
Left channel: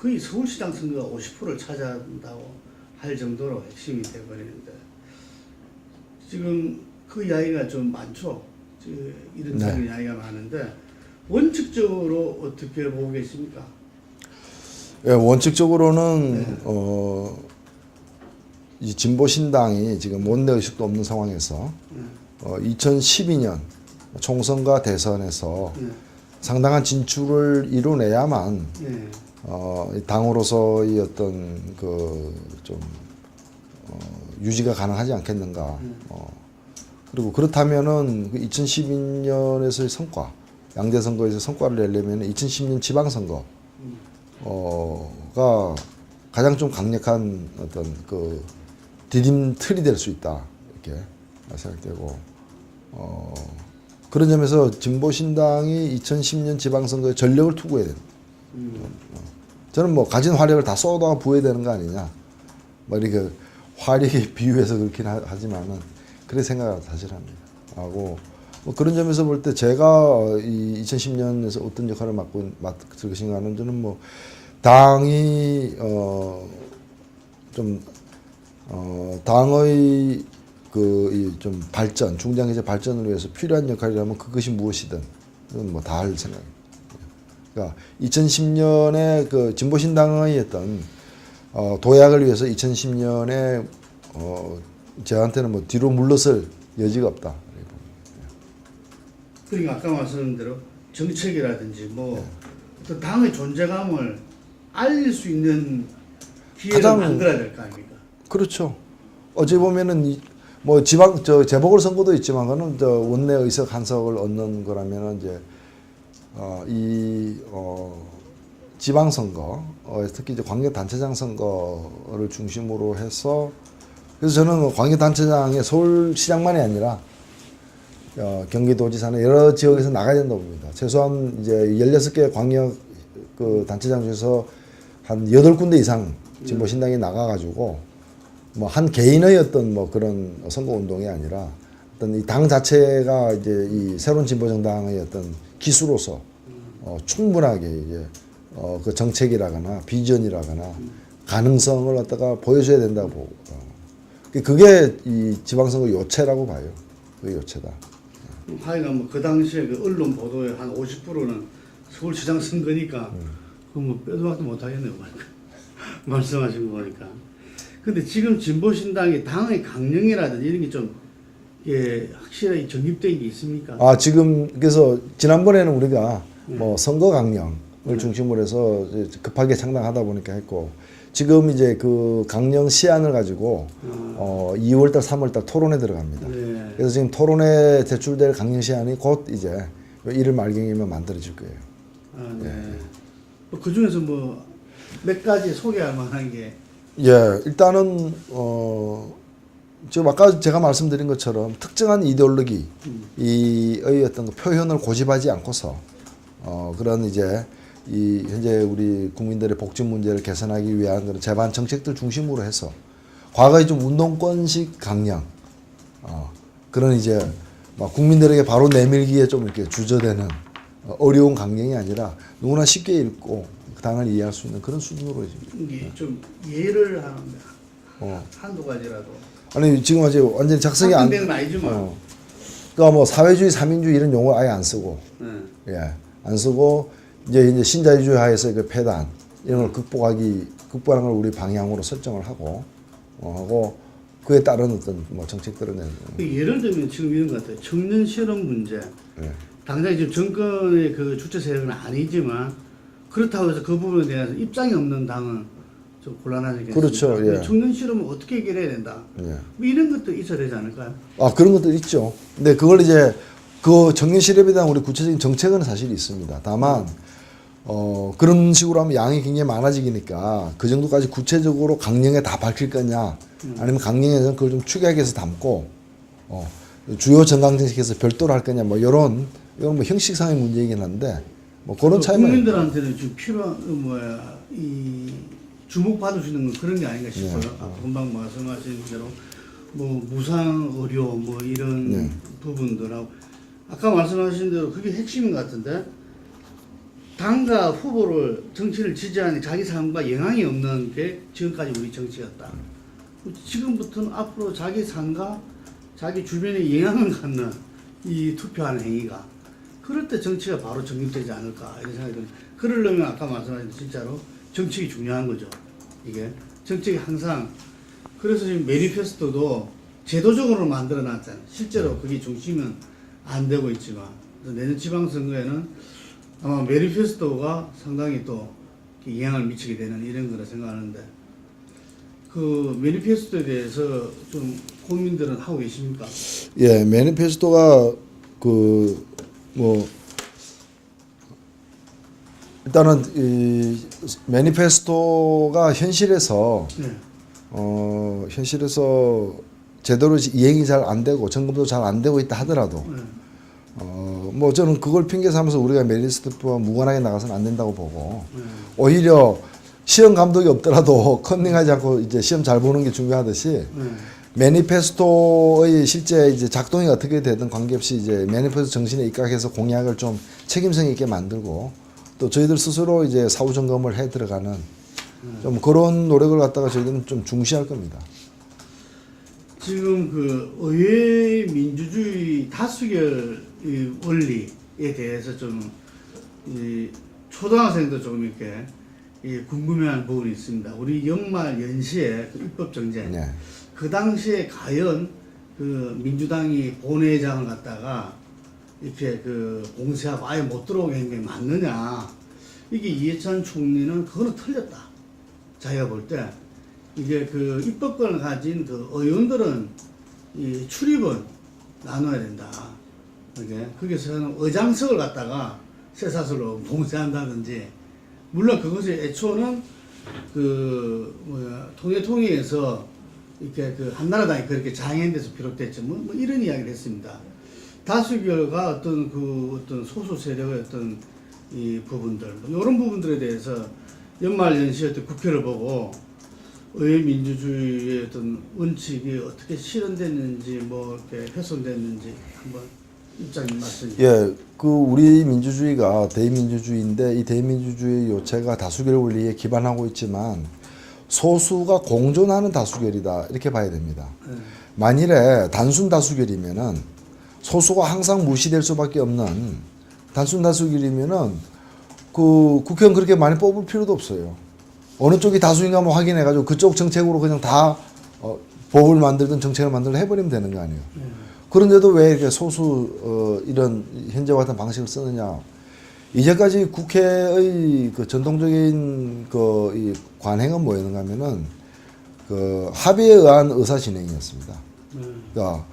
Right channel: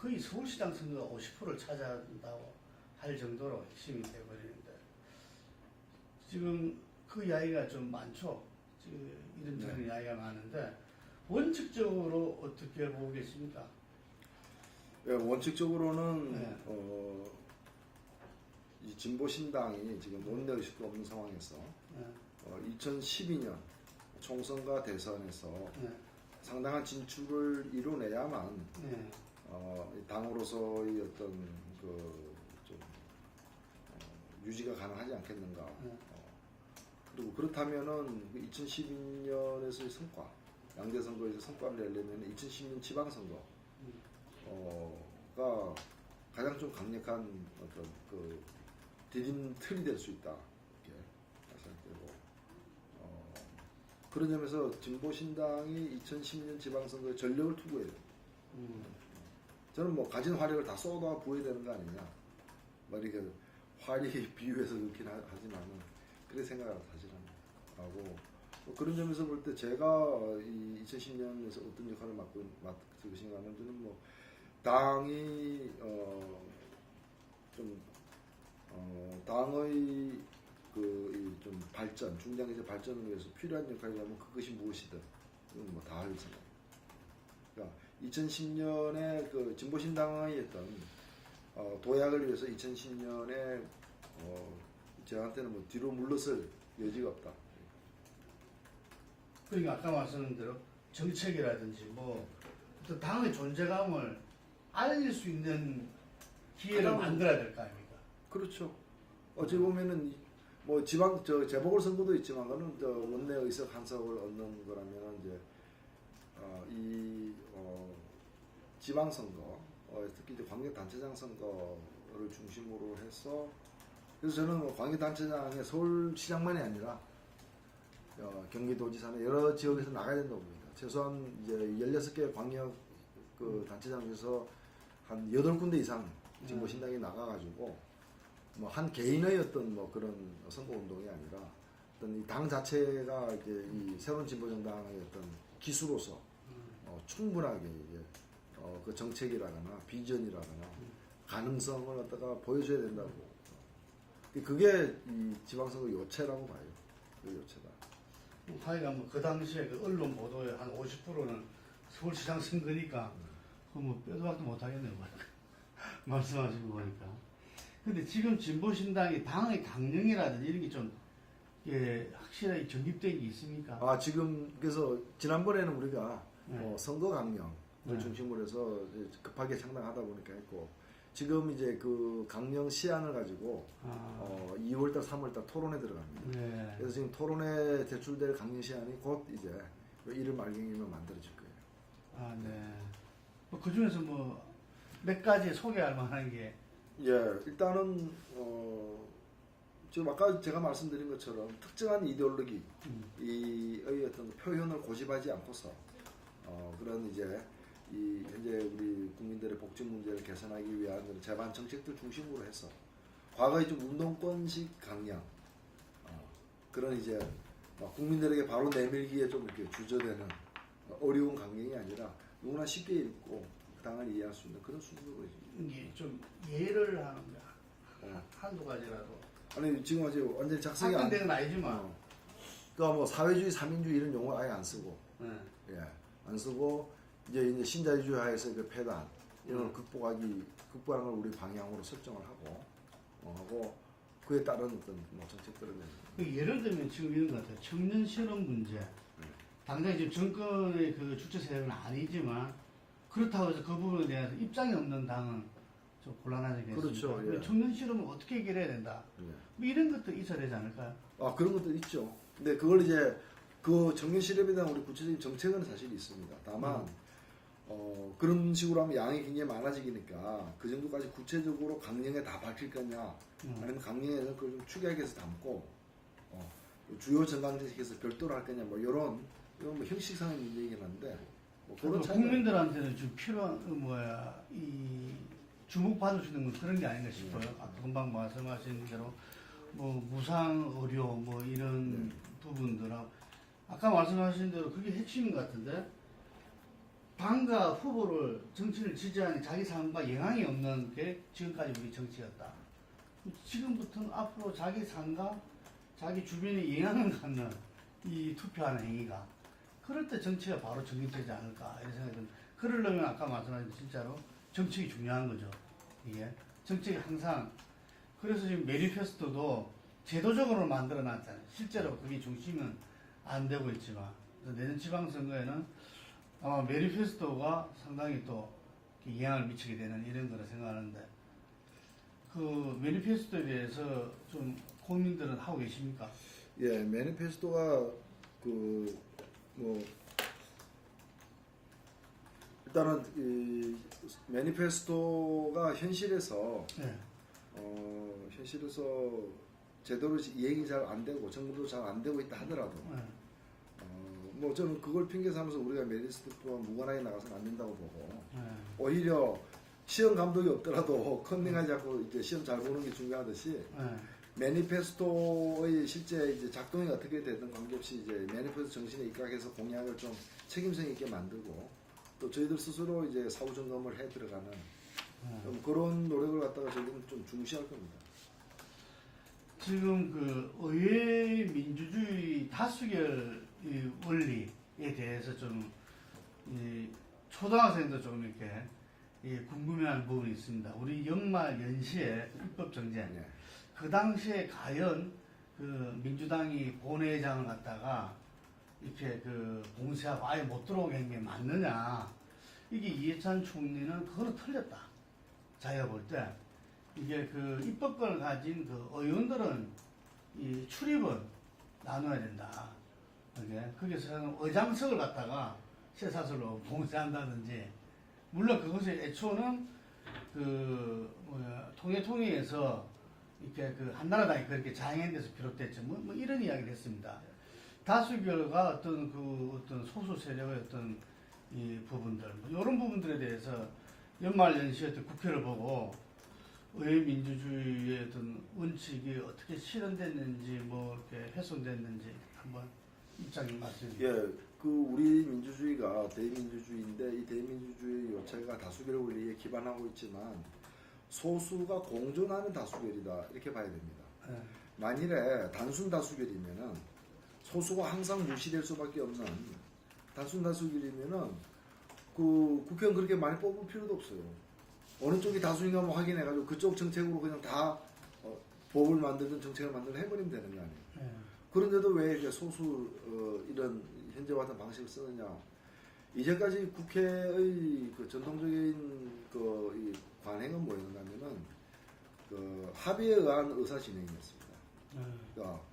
거의 서울시장 선거가 50%를 차지한다고 할 정도로 핵심이 돼버리는데 지금 그 이야기가 좀 많죠. 이런 네. 이야기가 많은데 원칙적으로 어떻게 보고 계십니까? 예, 원칙적으로는 이 진보신당이 지금 원내 의식도 없는 상황에서 2012년 총선과 대선에서 상당한 진출을 이뤄내야만 당으로서의 어떤 좀 유지가 가능하지 않겠는가. 그리고 그렇다면은 2012년에서의 성과, 양대 선거에서 성과를 내려면 2010년 지방선거가 가장 좀 강력한 어떤 디딤틀이 될 수 있다 이렇게 생각되고 그런 점에서 진보신당이 2010년 지방선거에 전력을 투구해야 된다. 저는 뭐 가진 화력을 다 쏟아 부어야 되는 거 아니냐. 뭐 이렇게 화력에 비유해서 그렇긴 하지만은 그래 생각을 사실 합니다. 하고 뭐 그런 점에서 볼 때 제가 이 2010년에서 어떤 역할을 맡을 것인가는 저는 뭐 당이 당의 좀 발전, 중장기적 발전을 위해서 필요한 역할이라면 그것이 무엇이든 그건 뭐 다 할 생각입니다. 그러니까 2010년에 그 진보신당의 어떤 도약을 위해서 2010년에 저한테는 뭐 뒤로 물러설 여지가 없다. 그러니까 아까 말씀드린 대로 정책이라든지 뭐 어떤 당의 존재감을 알릴 수 있는 기회를 만들어야 될 거 아닙니까? 그렇죠. 어찌 보면은 뭐 재보궐선거도 있지만 그거는 원내 의석 한 석을 얻는 거라면은 이제 지방선거, 특히 이제 광역단체장 선거를 중심으로 해서 그래서 저는 광역단체장에 서울시장만이 아니라 경기도지사는 여러 지역에서 나가야 된다고 봅니다. 최소한 이제 16개 광역 단체장 중에서 한 8군데 이상 진보신당이 나가가지고 뭐 한 개인의 어떤 뭐 그런 선거 운동이 아니라 어떤 이 당 자체가 이제 이 새로운 진보정당의 어떤 기수로서 충분하게 이제 그 정책이라거나 비전이라거나 가능성을 갖다가 보여줘야 된다고. 그게 이 지방선거 요체라고 봐요. 그게 요체다. 하여간 뭐 그 당시에 그 언론 보도의 한 50%는 서울시장 선거니까 그뭐 빼도 박도 못 하겠네요. 말씀하신 거 보니까. 근데 지금 진보신당이 당의 강령이라든지 이런 게 좀 확실하게 정립된 게 있습니까? 지금 그래서 지난번에는 우리가 뭐 선거 강령을 중심으로 해서 급하게 창당하다 보니까 했고 지금 이제 그 강령 시안을 가지고 2월달, 3월달 토론에 들어갑니다. 네. 그래서 지금 토론에 제출될 강령 시안이 곧 이제 1월 말경이면 만들어질 거예요. 네. 그 중에서 뭐 몇 가지 소개할 만한 게 일단은 지금 아까 제가 말씀드린 것처럼 특정한 이데올로기의 어떤 표현을 고집하지 않고서 그런 이제 이 현재 우리 국민들의 복지 문제를 개선하기 위한 그런 제반 정책들 중심으로 해서 과거에 좀 운동권식 강령 그런 이제 막 국민들에게 바로 내밀기에 좀 이렇게 주저되는 어려운 강령이 아니라 누구나 쉽게 읽고 그 당을 이해할 수 있는 그런 수준으로 이게 좀 예를 하는 한두 가지라도. 아니 지금 아직 완전히 작성이 안 되는 아니지만. 그러니까 뭐 사회주의, 삼인주의 이런 용어 아예 안 쓰고 안 쓰고 이제 신자유주의 하에서 그 폐단 이런 걸 극복하는 걸 우리 방향으로 설정을 하고 그에 따른 어떤 뭐 정책들을 내는. 예를 들면 지금 이런 것 같아요. 청년 실업 문제. 당장 지금 정권의 그 주체 세력은 아니지만 그렇다고 해서 그 부분에 대해서 입장이 없는 당은 좀 곤란하지 않겠습니까? 그렇죠. 예. 청년 실업은 어떻게 해결해야 된다. 뭐 이런 것도 있어야 되지 않을까요? 그런 것도 있죠. 근데 그걸 이제 그 청년 실업에 대한 우리 구체적인 정책은 사실 있습니다. 다만 그런 식으로 하면 양이 굉장히 많아지니까 그 정도까지 구체적으로 강령에 다 밝힐 거냐 아니면 강령에서는 그걸 좀 축약해서 담고 주요 정강정책에서 별도로 할 거냐 뭐 이건 뭐 형식상의 문제이긴 한데 뭐 그런 차이만 국민들한테는 지금 필요한 이 주목받을 수 있는 건 그런 게 아닌가 싶어요. 금방 말씀하신 대로 뭐 무상 의료 뭐 이런 부분들하고 아까 말씀하신 대로 그게 핵심인 것 같은데 당과 후보를 정치를 지지하는 자기 삶과 영향이 없는 게 지금까지 우리 정치였다. 지금부터는 앞으로 자기 삶과 자기 주변에 영향을 갖는 이 투표하는 행위가 그럴 때 정치가 바로 정립되지 않을까 이런 생각이 듭니다. 그러려면 아까 말씀하신 진짜로 정책이 중요한 거죠. 이게 정책이 항상 그래서 지금 매니페스토도 제도적으로 만들어 놨잖아요. 실제로 그게 중심은 안 되고 있지만 그래서 내년 지방선거에는 아마 매니페스토가 상당히 또 영향을 미치게 되는 이런 거라 생각하는데 그 매니페스토에 대해서 좀 고민들은 하고 계십니까? 예, 매니페스토가 뭐 일단은 이 매니페스토가 현실에서 현실에서 제대로 이행이 잘 안 되고 점검도 잘 안 되고 있다 하더라도 뭐 저는 그걸 핑계 삼아서 우리가 매니페스토와 무관하게 나가서는 안 된다고 보고 오히려 시험 감독이 없더라도 컨닝하지 않고 이제 시험 잘 보는 게 중요하듯이 매니페스토의 실제 이제 작동이 어떻게 되든 관계없이 이제 매니페스토 정신에 입각해서 공약을 좀 책임성 있게 만들고 또 저희들 스스로 이제 사후 점검을 해 들어가는 좀 그런 노력을 갖다가 저희들은 좀 중시할 겁니다. 지금 그 의회 민주주의 다수결 원리에 대해서 좀 초등학생도 조금 이렇게 궁금해하는 부분이 있습니다. 우리 연말 연시에 그 입법 정쟁 그 당시에 과연 그 민주당이 본회의장을 갖다가 이렇게 그 공세하고 아예 못 들어오게 한 게 맞느냐. 이게 이해찬 총리는 그거는 틀렸다. 자기가 볼 때 이게 그 입법권을 가진 그 의원들은 이 출입은 나눠야 된다. 거기서는 의장석을 갖다가 쇠사슬로 봉쇄한다든지 물론 그것이 애초는 통일에서 이렇게 그 한나라당이 그렇게 장애인돼서 비롯됐죠. 뭐 이런 이야기를 했습니다. 다수결과 어떤 소수 세력의 어떤 이 부분들, 이런 부분들에 대해서 연말 연시에 국회를 보고 의회 민주주의의 어떤 원칙이 어떻게 실현됐는지 뭐 이렇게 훼손됐는지 한번 입장 말씀. 예, 그 우리 민주주의가 대의민주주의인데 이 대의민주주의 요체가 다수결 원리에 기반하고 있지만 소수가 공존하는 다수결이다 이렇게 봐야 됩니다. 만일에 단순 다수결이면은 소수가 항상 무시될 수밖에 없는 단순 다수결이면은 그 국회의원 그렇게 많이 뽑을 필요도 없어요. 어느 쪽이 다수인가 한번 확인해가지고 그쪽 정책으로 그냥 다 법을 만들든 정책을 만들든 해버리면 되는 거 아니에요. 그런데도 왜 이렇게 소수 이런 현재와 같은 방식을 쓰느냐? 이제까지 국회의 그 전통적인 이 관행은 뭐였는가 하면은 그 합의에 의한 의사 진행이었습니다. 그러니까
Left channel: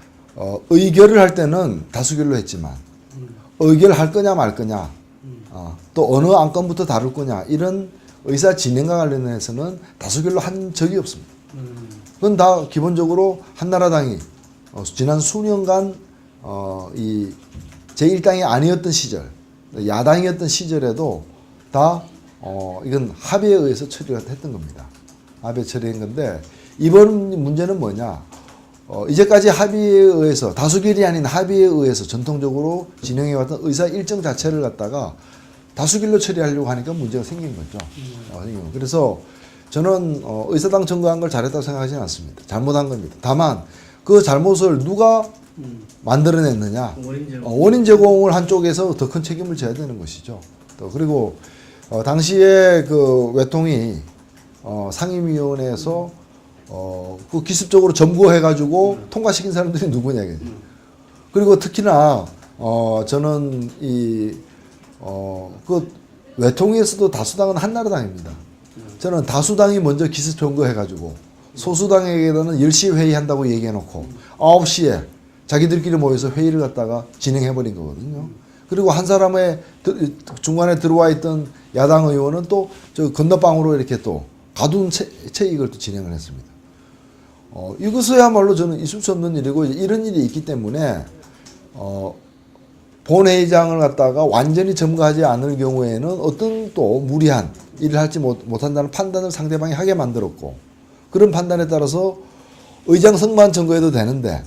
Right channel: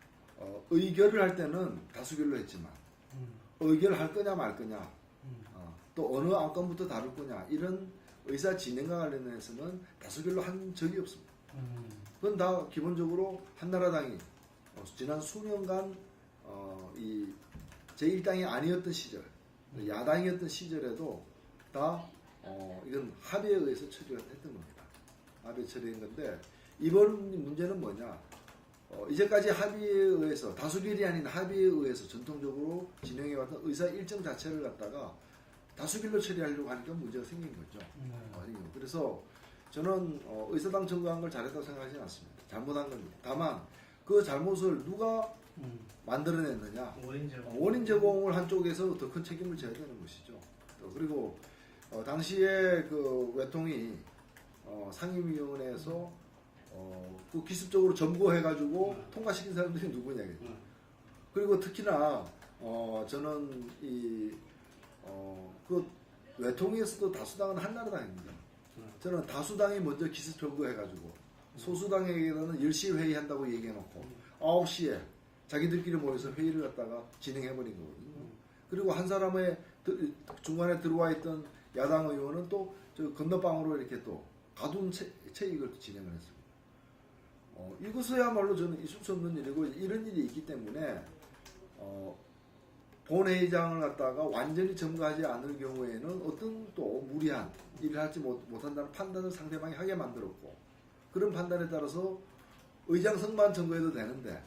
의결을 할 때는 다수결로 했지만 의결할 거냐 말 거냐 또 어느 안건부터 다룰 거냐 이런 의사 진행과 관련해서는 다수결로 한 적이 없습니다. 그건 다 기본적으로 한나라당이 지난 수년간 이 제1당이 아니었던 시절 야당이었던 시절에도 다 이건 합의에 의해서 처리가 했던 겁니다. 합의 처리한 건데 이번 문제는 뭐냐? 이제까지 합의에 의해서 다수결이 아닌 합의에 의해서 전통적으로 진행해왔던 의사 일정 자체를 갖다가 다수결로 처리하려고 하니까 문제가 생긴 거죠. 그래서 저는 의사당 청구한 걸 잘했다고 생각하지는 않습니다. 잘못한 겁니다. 다만 그 잘못을 누가 만들어냈느냐, 원인 제공을 한 쪽에서 더 큰 책임을 져야 되는 것이죠. 또 그리고 당시에 그 외통이 상임위원회에서 그 기습적으로 점거해가지고 통과시킨 사람들이 누구냐 이거죠. 그리고 특히나 저는 그 외통위에서도 다수당은 한나라당입니다. 저는 다수당이 먼저 기습 점거해가지고 소수당에게는 10시에 회의한다고 얘기해놓고 9시에 자기들끼리 모여서 회의를 갖다가 진행해버린 거거든요. 그리고 한 사람의 중간에 들어와 있던 야당 의원은 또 저 건너방으로 이렇게 또 가둔 채 이걸 또 진행을 했습니다. 이것이야말로 저는 있을 수 없는 일이고 이런 일이 있기 때문에 본회의장을 갖다가 완전히 점거하지 않을 경우에는 어떤 또 무리한 일을 할지 못한다는 판단을 상대방이 하게 만들었고 그런 판단에 따라서 의장 성만 점거해도 되는데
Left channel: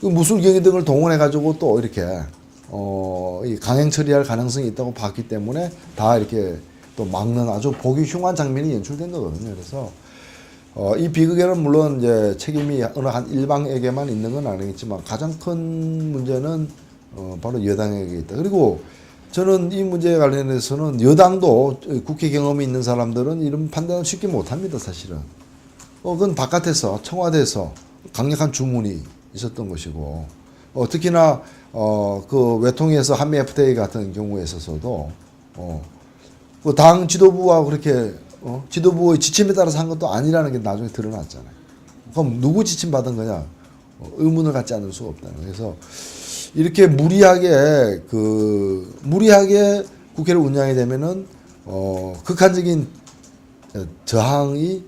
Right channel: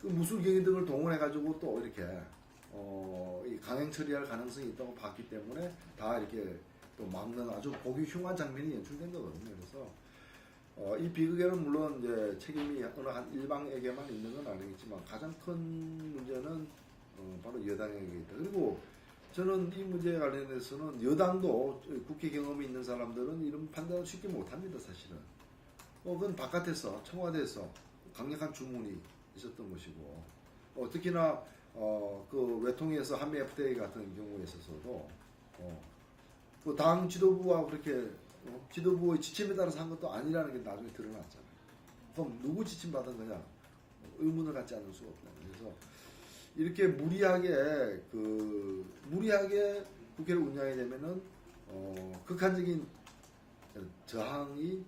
그 무술경위 등을 동원해 가지고 또 이렇게 강행 처리할 가능성이 있다고 봤기 때문에 다 이렇게 또 막는 아주 보기 흉한 장면이 연출된 거거든요. 그래서 이 비극에는 물론 이제 책임이 어느 한 일방에게만 있는 건 아니겠지만 가장 큰 문제는 바로 여당에게 있다. 그리고 저는 이 문제에 관련해서는 여당도 국회 경험이 있는 사람들은 이런 판단을 쉽게 못합니다. 사실은 그건 바깥에서 청와대에서 강력한 주문이 있었던 것이고 특히나 그 외통위에서 한미 FTA 같은 경우에 있어서도 그 당 지도부와 그렇게 지도부의 지침에 따라서 한 것도 아니라는 게 나중에 드러났잖아요. 그럼 누구 지침 받은 거냐? 의문을 갖지 않을 수가 없다는 거예요. 그래서 이렇게 무리하게 국회를 운영하게 되면은 극한적인 저항이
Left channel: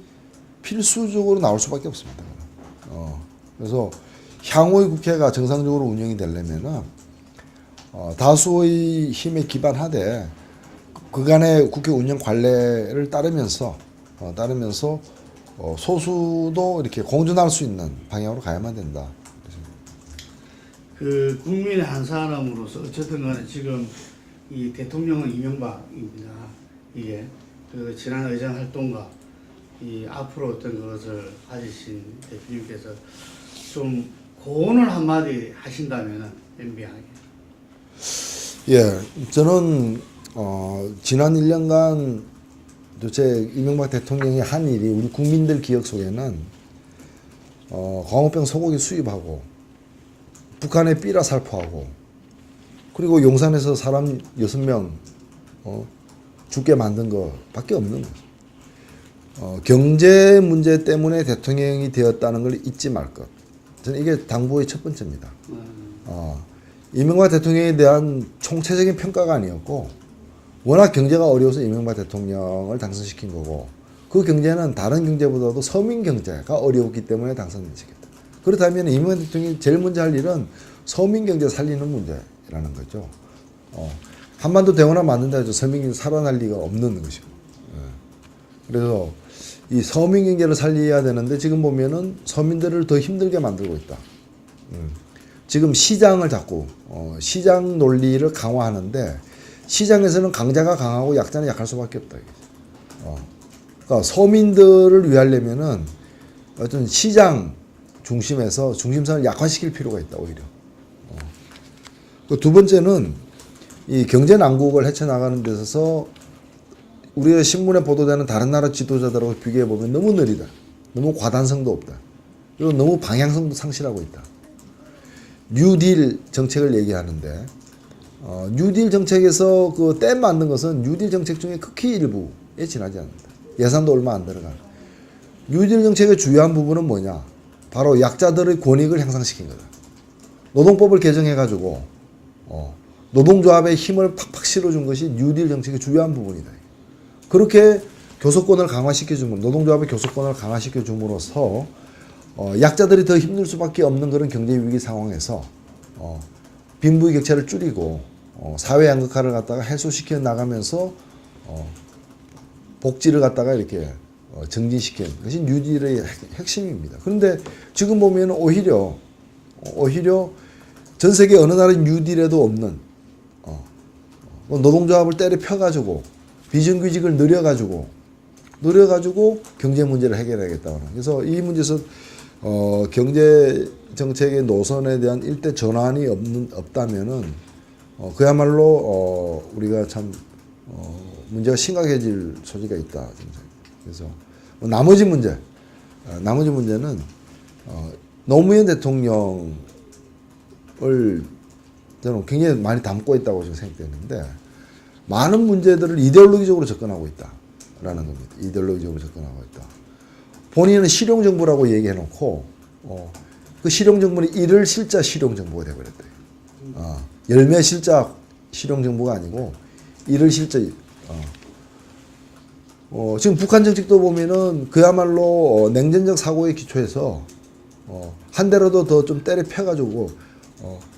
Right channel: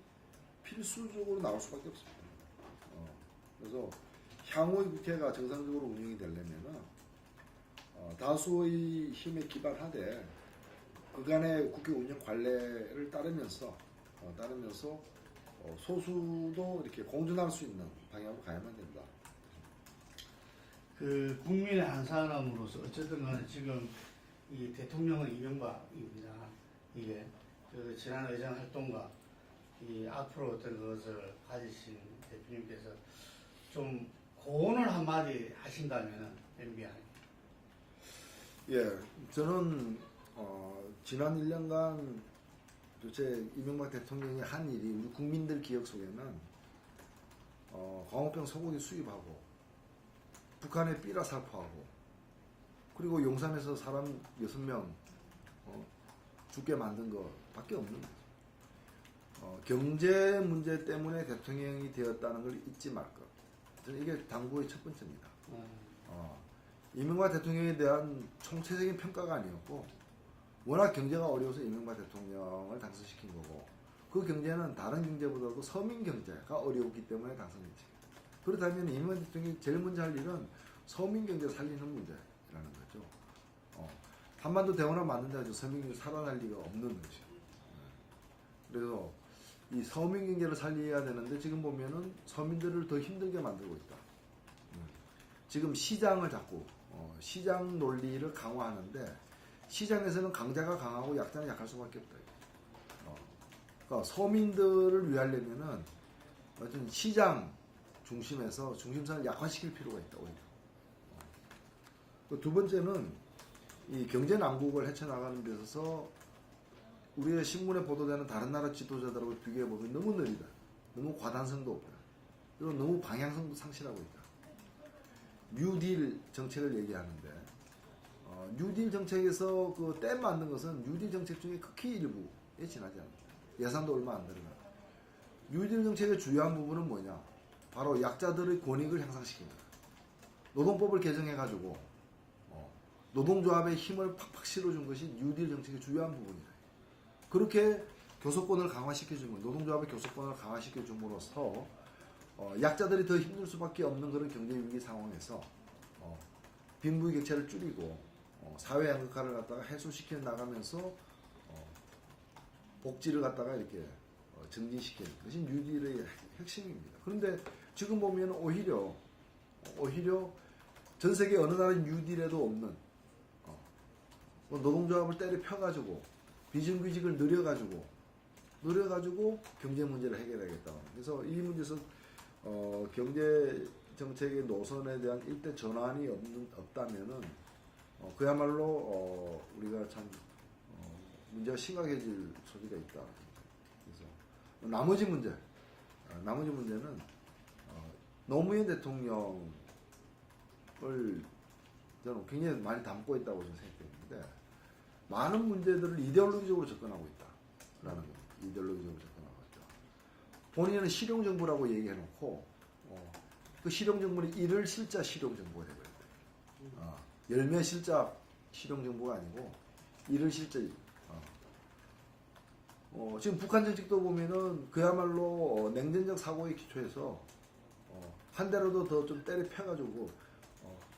필수적으로 나올 수밖에 없습니다. 그래서 향후의 국회가 정상적으로 운영이 되려면은 다수의 힘에 기반하되 그간의 국회 운영 관례를 따르면서 소수도 이렇게 공존할 수 있는 방향으로 가야만 된다. 그 국민의 한 사람으로서 어쨌든 간에 지금 이 대통령은 이명박입니다. 이게 그 지난 의장 활동과 이 앞으로 어떤 것을 가지신 대표님께서 좀 고언을 한마디 하신다면은 MB하게. 예, 저는 지난 1년간 도대체 이명박 대통령이 한 일이 우리 국민들 기억 속에는 광우병 소고기 수입하고 북한에 삐라 살포하고 그리고 용산에서 사람 6명 죽게 만든 것밖에 없는 거죠. 경제 문제 때문에 대통령이 되었다는 걸 잊지 말 것. 저는 이게 당부의 첫 번째입니다. 이명박 대통령에 대한 총체적인 평가가 아니었고 워낙 경제가 어려워서 이명박 대통령을 당선시킨 거고 그 경제는 다른 경제보다도 서민 경제가 어려웠기 때문에 당선시켰다. 그렇다면 이명박 대통령이 제일 먼저 할 일은 서민 경제 살리는 문제라는 거죠. 한반도 대운하 만든다 해서 서민 경제 살아날 리가 없는 것이고. 그래서 이 서민 경제를 살려야 되는데 지금 보면은 서민들을 더 힘들게 만들고 있다. 지금 시장을 자꾸 시장 논리를 강화하는데 시장에서는 강자가 강하고 약자는 약할 수밖에 없다. 그러니까 서민들을 위하려면은 어떤 시장 중심에서 중심선을 약화시킬 필요가 있다 오히려. 두 번째는 이 경제 난국을 헤쳐나가는 데 있어서 우리의 신문에 보도되는 다른 나라 지도자들하고 비교해 보면 너무 느리다. 너무 과단성도 없다. 그리고 너무 방향성도 상실하고 있다. 뉴딜 정책을 얘기하는데 뉴딜 정책에서 그 댐 만든 것은 뉴딜 정책 중에 극히 일부에 지나지 않는다. 예산도 얼마 안 들어가. 뉴딜 정책의 주요한 부분은 뭐냐? 바로 약자들의 권익을 향상시킨 거다. 노동법을 개정해가지고 노동조합의 힘을 팍팍 실어준 것이 뉴딜 정책의 주요한 부분이다. 그렇게 교섭권을 강화시켜주면 노동조합의 교섭권을 강화시켜줌으로써 약자들이 더 힘들 수밖에 없는 그런 경제 위기 상황에서 빈부의 격차를 줄이고 사회 양극화를 갖다가 해소시켜 나가면서 복지를 갖다가 이렇게 증진시키는 것이 뉴딜의 핵심입니다. 그런데 지금 보면 오히려 전 세계 어느 나라 뉴딜에도 없는 노동조합을 때려 펴가지고 비정규직을 늘려가지고 경제 문제를 해결하겠다는. 그래서 이 문제에서 경제 정책의 노선에 대한 일대 전환이 없다면은 그야말로 우리가 참 문제가 심각해질 소지가 있다. 그래서 나머지 문제는 노무현 대통령을 저는 굉장히 많이 담고 있다고 지금 생각되는데 많은 문제들을 이데올로기적으로 접근하고 있다라는 겁니다. 이데올로기적으로 접근하고 있다. 본인은 실용정부라고 얘기해놓고 그 실용정부는 일을 실자 실용정부가 돼버렸다. 열매 실자 실용정부가 아니고 일을 실자. 지금 북한 정책도 보면은 그야말로 냉전적 사고에 기초해서 한 대라도 더 좀 때려 펴가지고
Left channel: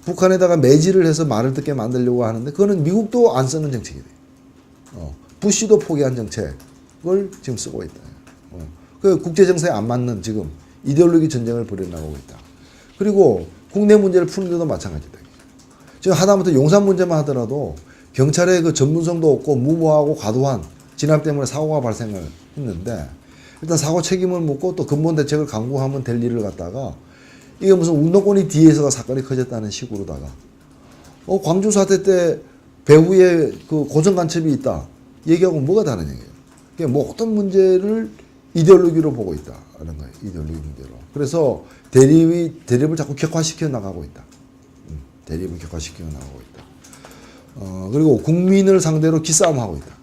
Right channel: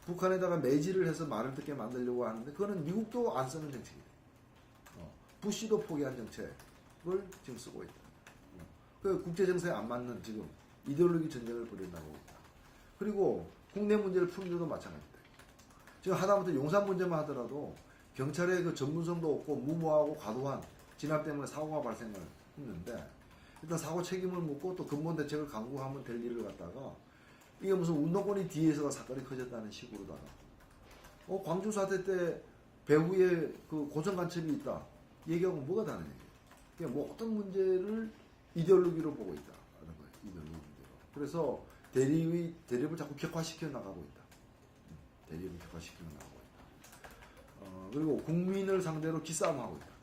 북한에다가 매질을 해서 말을 듣게 만들려고 하는데 그거는 미국도 안 쓰는 정책이 돼요. 부시도 포기한 정책을 지금 쓰고 있다. 그 국제 정세에 안 맞는 지금 이데올로기 전쟁을 벌여나가고 있다. 그리고 국내 문제를 푸는데도 마찬가지다. 지금 하다못해 용산 문제만 하더라도 경찰의 그 전문성도 없고 무모하고 과도한 진압 때문에 사고가 발생을 했는데 일단 사고 책임을 묻고 또 근본 대책을 강구하면 될 일을 갖다가 이게 무슨 운동권이 뒤에서가 사건이 커졌다는 식으로다가 광주 사태 때 배후에 그 고정 간첩이 있다 얘기하고 뭐가 다른 얘기예요. 그러니까 뭐 어떤 문제를 이데올로기로 보고 있다는 거예요. 이데올로기 문제로. 그래서 대립을 자꾸 격화시켜 나가고 있다. 대립을 격화시켜 나가고 있다. 그리고 국민을 상대로 기싸움하고 있다.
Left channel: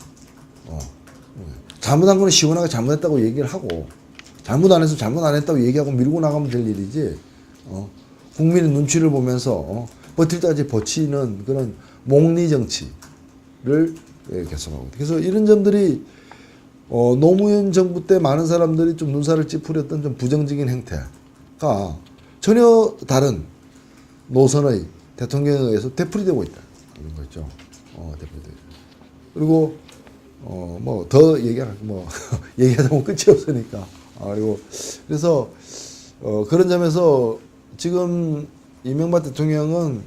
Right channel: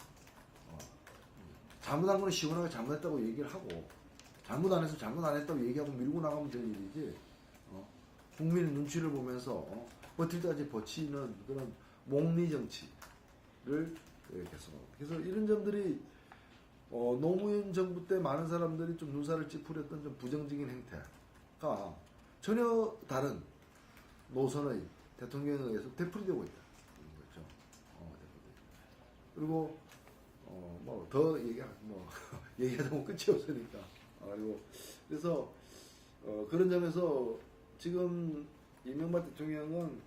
잘못한 거는 시원하게 잘못했다고 얘기를 하고 잘못 안 해서 잘못 안 했다고 얘기하고 밀고 나가면 될 일이지 국민의 눈치를 보면서 버틸 때까지 버티는 그런 몽리 정치를 계속하고 있다. 그래서 이런 점들이 노무현 정부 때 많은 사람들이 좀 눈살을 찌푸렸던 좀 부정적인 행태가 전혀 다른 노선의 대통령에 의해서 되풀이되고 있다. 이런 거죠. 되풀이되고. 그리고 뭐 더 얘기하다 보면 끝이 없으니까. 그리고 그래서 그런 점에서 지금 이명박 대통령은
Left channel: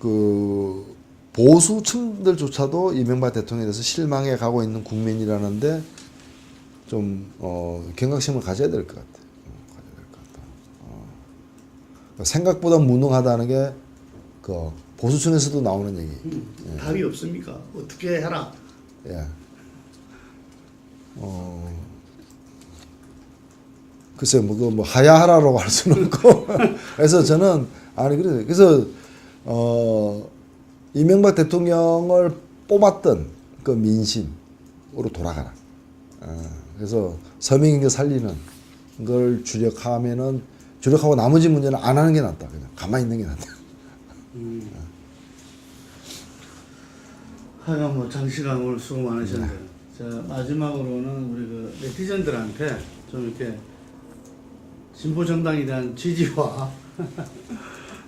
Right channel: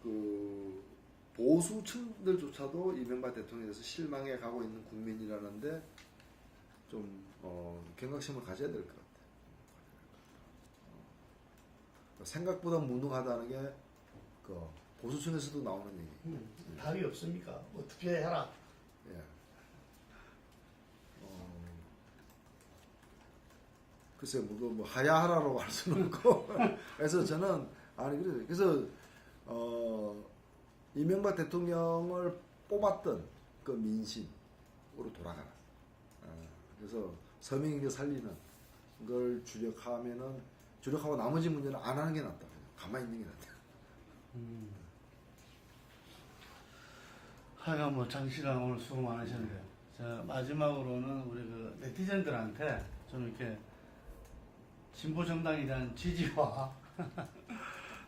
그 보수층들조차도 이명박 대통령에 대해서 실망해 가고 있는 국민이라는데 좀 경각심을 가져야 될 것 같아요. 생각보다 무능하다는 게 그 보수층에서도 나오는 얘기. 답이 없습니까? 어떻게 해라. 예. 글쎄요, 뭐 하야하라라고 할 수는 없고. 그래서 저는 그래서 이명박 대통령을 뽑았던 그 민심으로 돌아가라. 그래서 서민경제 살리는 걸 주력하고 나머지 문제는 안 하는 게 낫다. 그냥 가만히 있는 게 낫다. 하여간 뭐 장시간 오늘 수고 많으셨는데 자, 마지막으로는 우리 그 네티즌들한테 좀 이렇게 진보 정당에 대한 지지와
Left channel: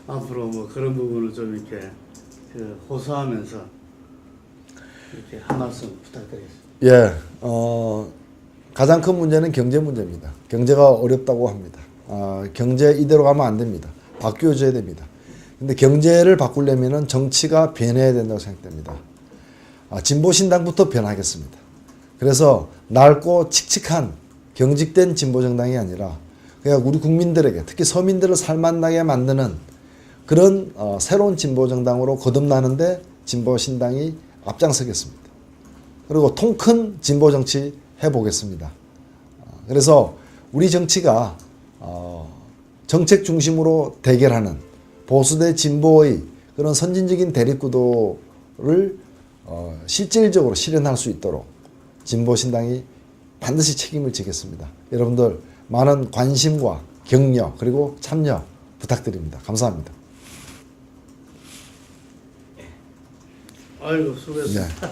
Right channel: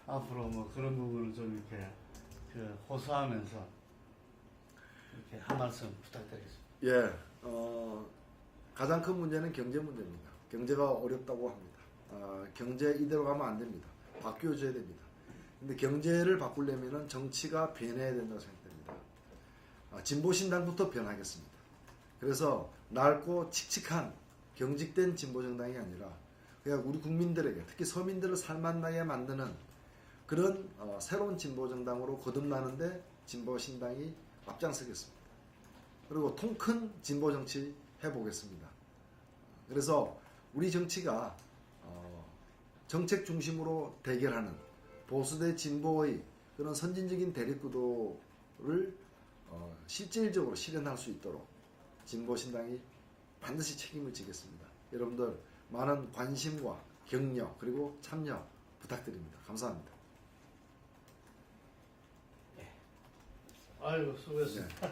앞으로 뭐 그런 부분을 좀 이렇게 그 호소하면서 이렇게 한 말씀 부탁드리겠습니다. 예, 가장 큰 문제는 경제 문제입니다. 경제가 어렵다고 합니다. 경제 이대로 가면 안 됩니다. 바뀌어줘야 됩니다. 근데 경제를 바꾸려면은 정치가 변해야 된다고 생각됩니다. 진보신당부터 변하겠습니다. 그래서 낡고 칙칙한 경직된 진보정당이 아니라 그냥 우리 국민들에게 특히 서민들을 살만나게 만드는 그런 새로운 진보정당으로 거듭나는데 진보신당이 앞장서겠습니다. 그리고 통큰 진보정치 해보겠습니다. 그래서 우리 정치가 정책 중심으로 대결하는 보수 대 진보의 그런 선진적인 대립구도를 실질적으로 실현할 수 있도록 진보신당이 반드시 책임을 지겠습니다. 여러분들 많은 관심과 격려 그리고 참여 부탁드립니다. 감사합니다. 아이고 수고했습니다. 네.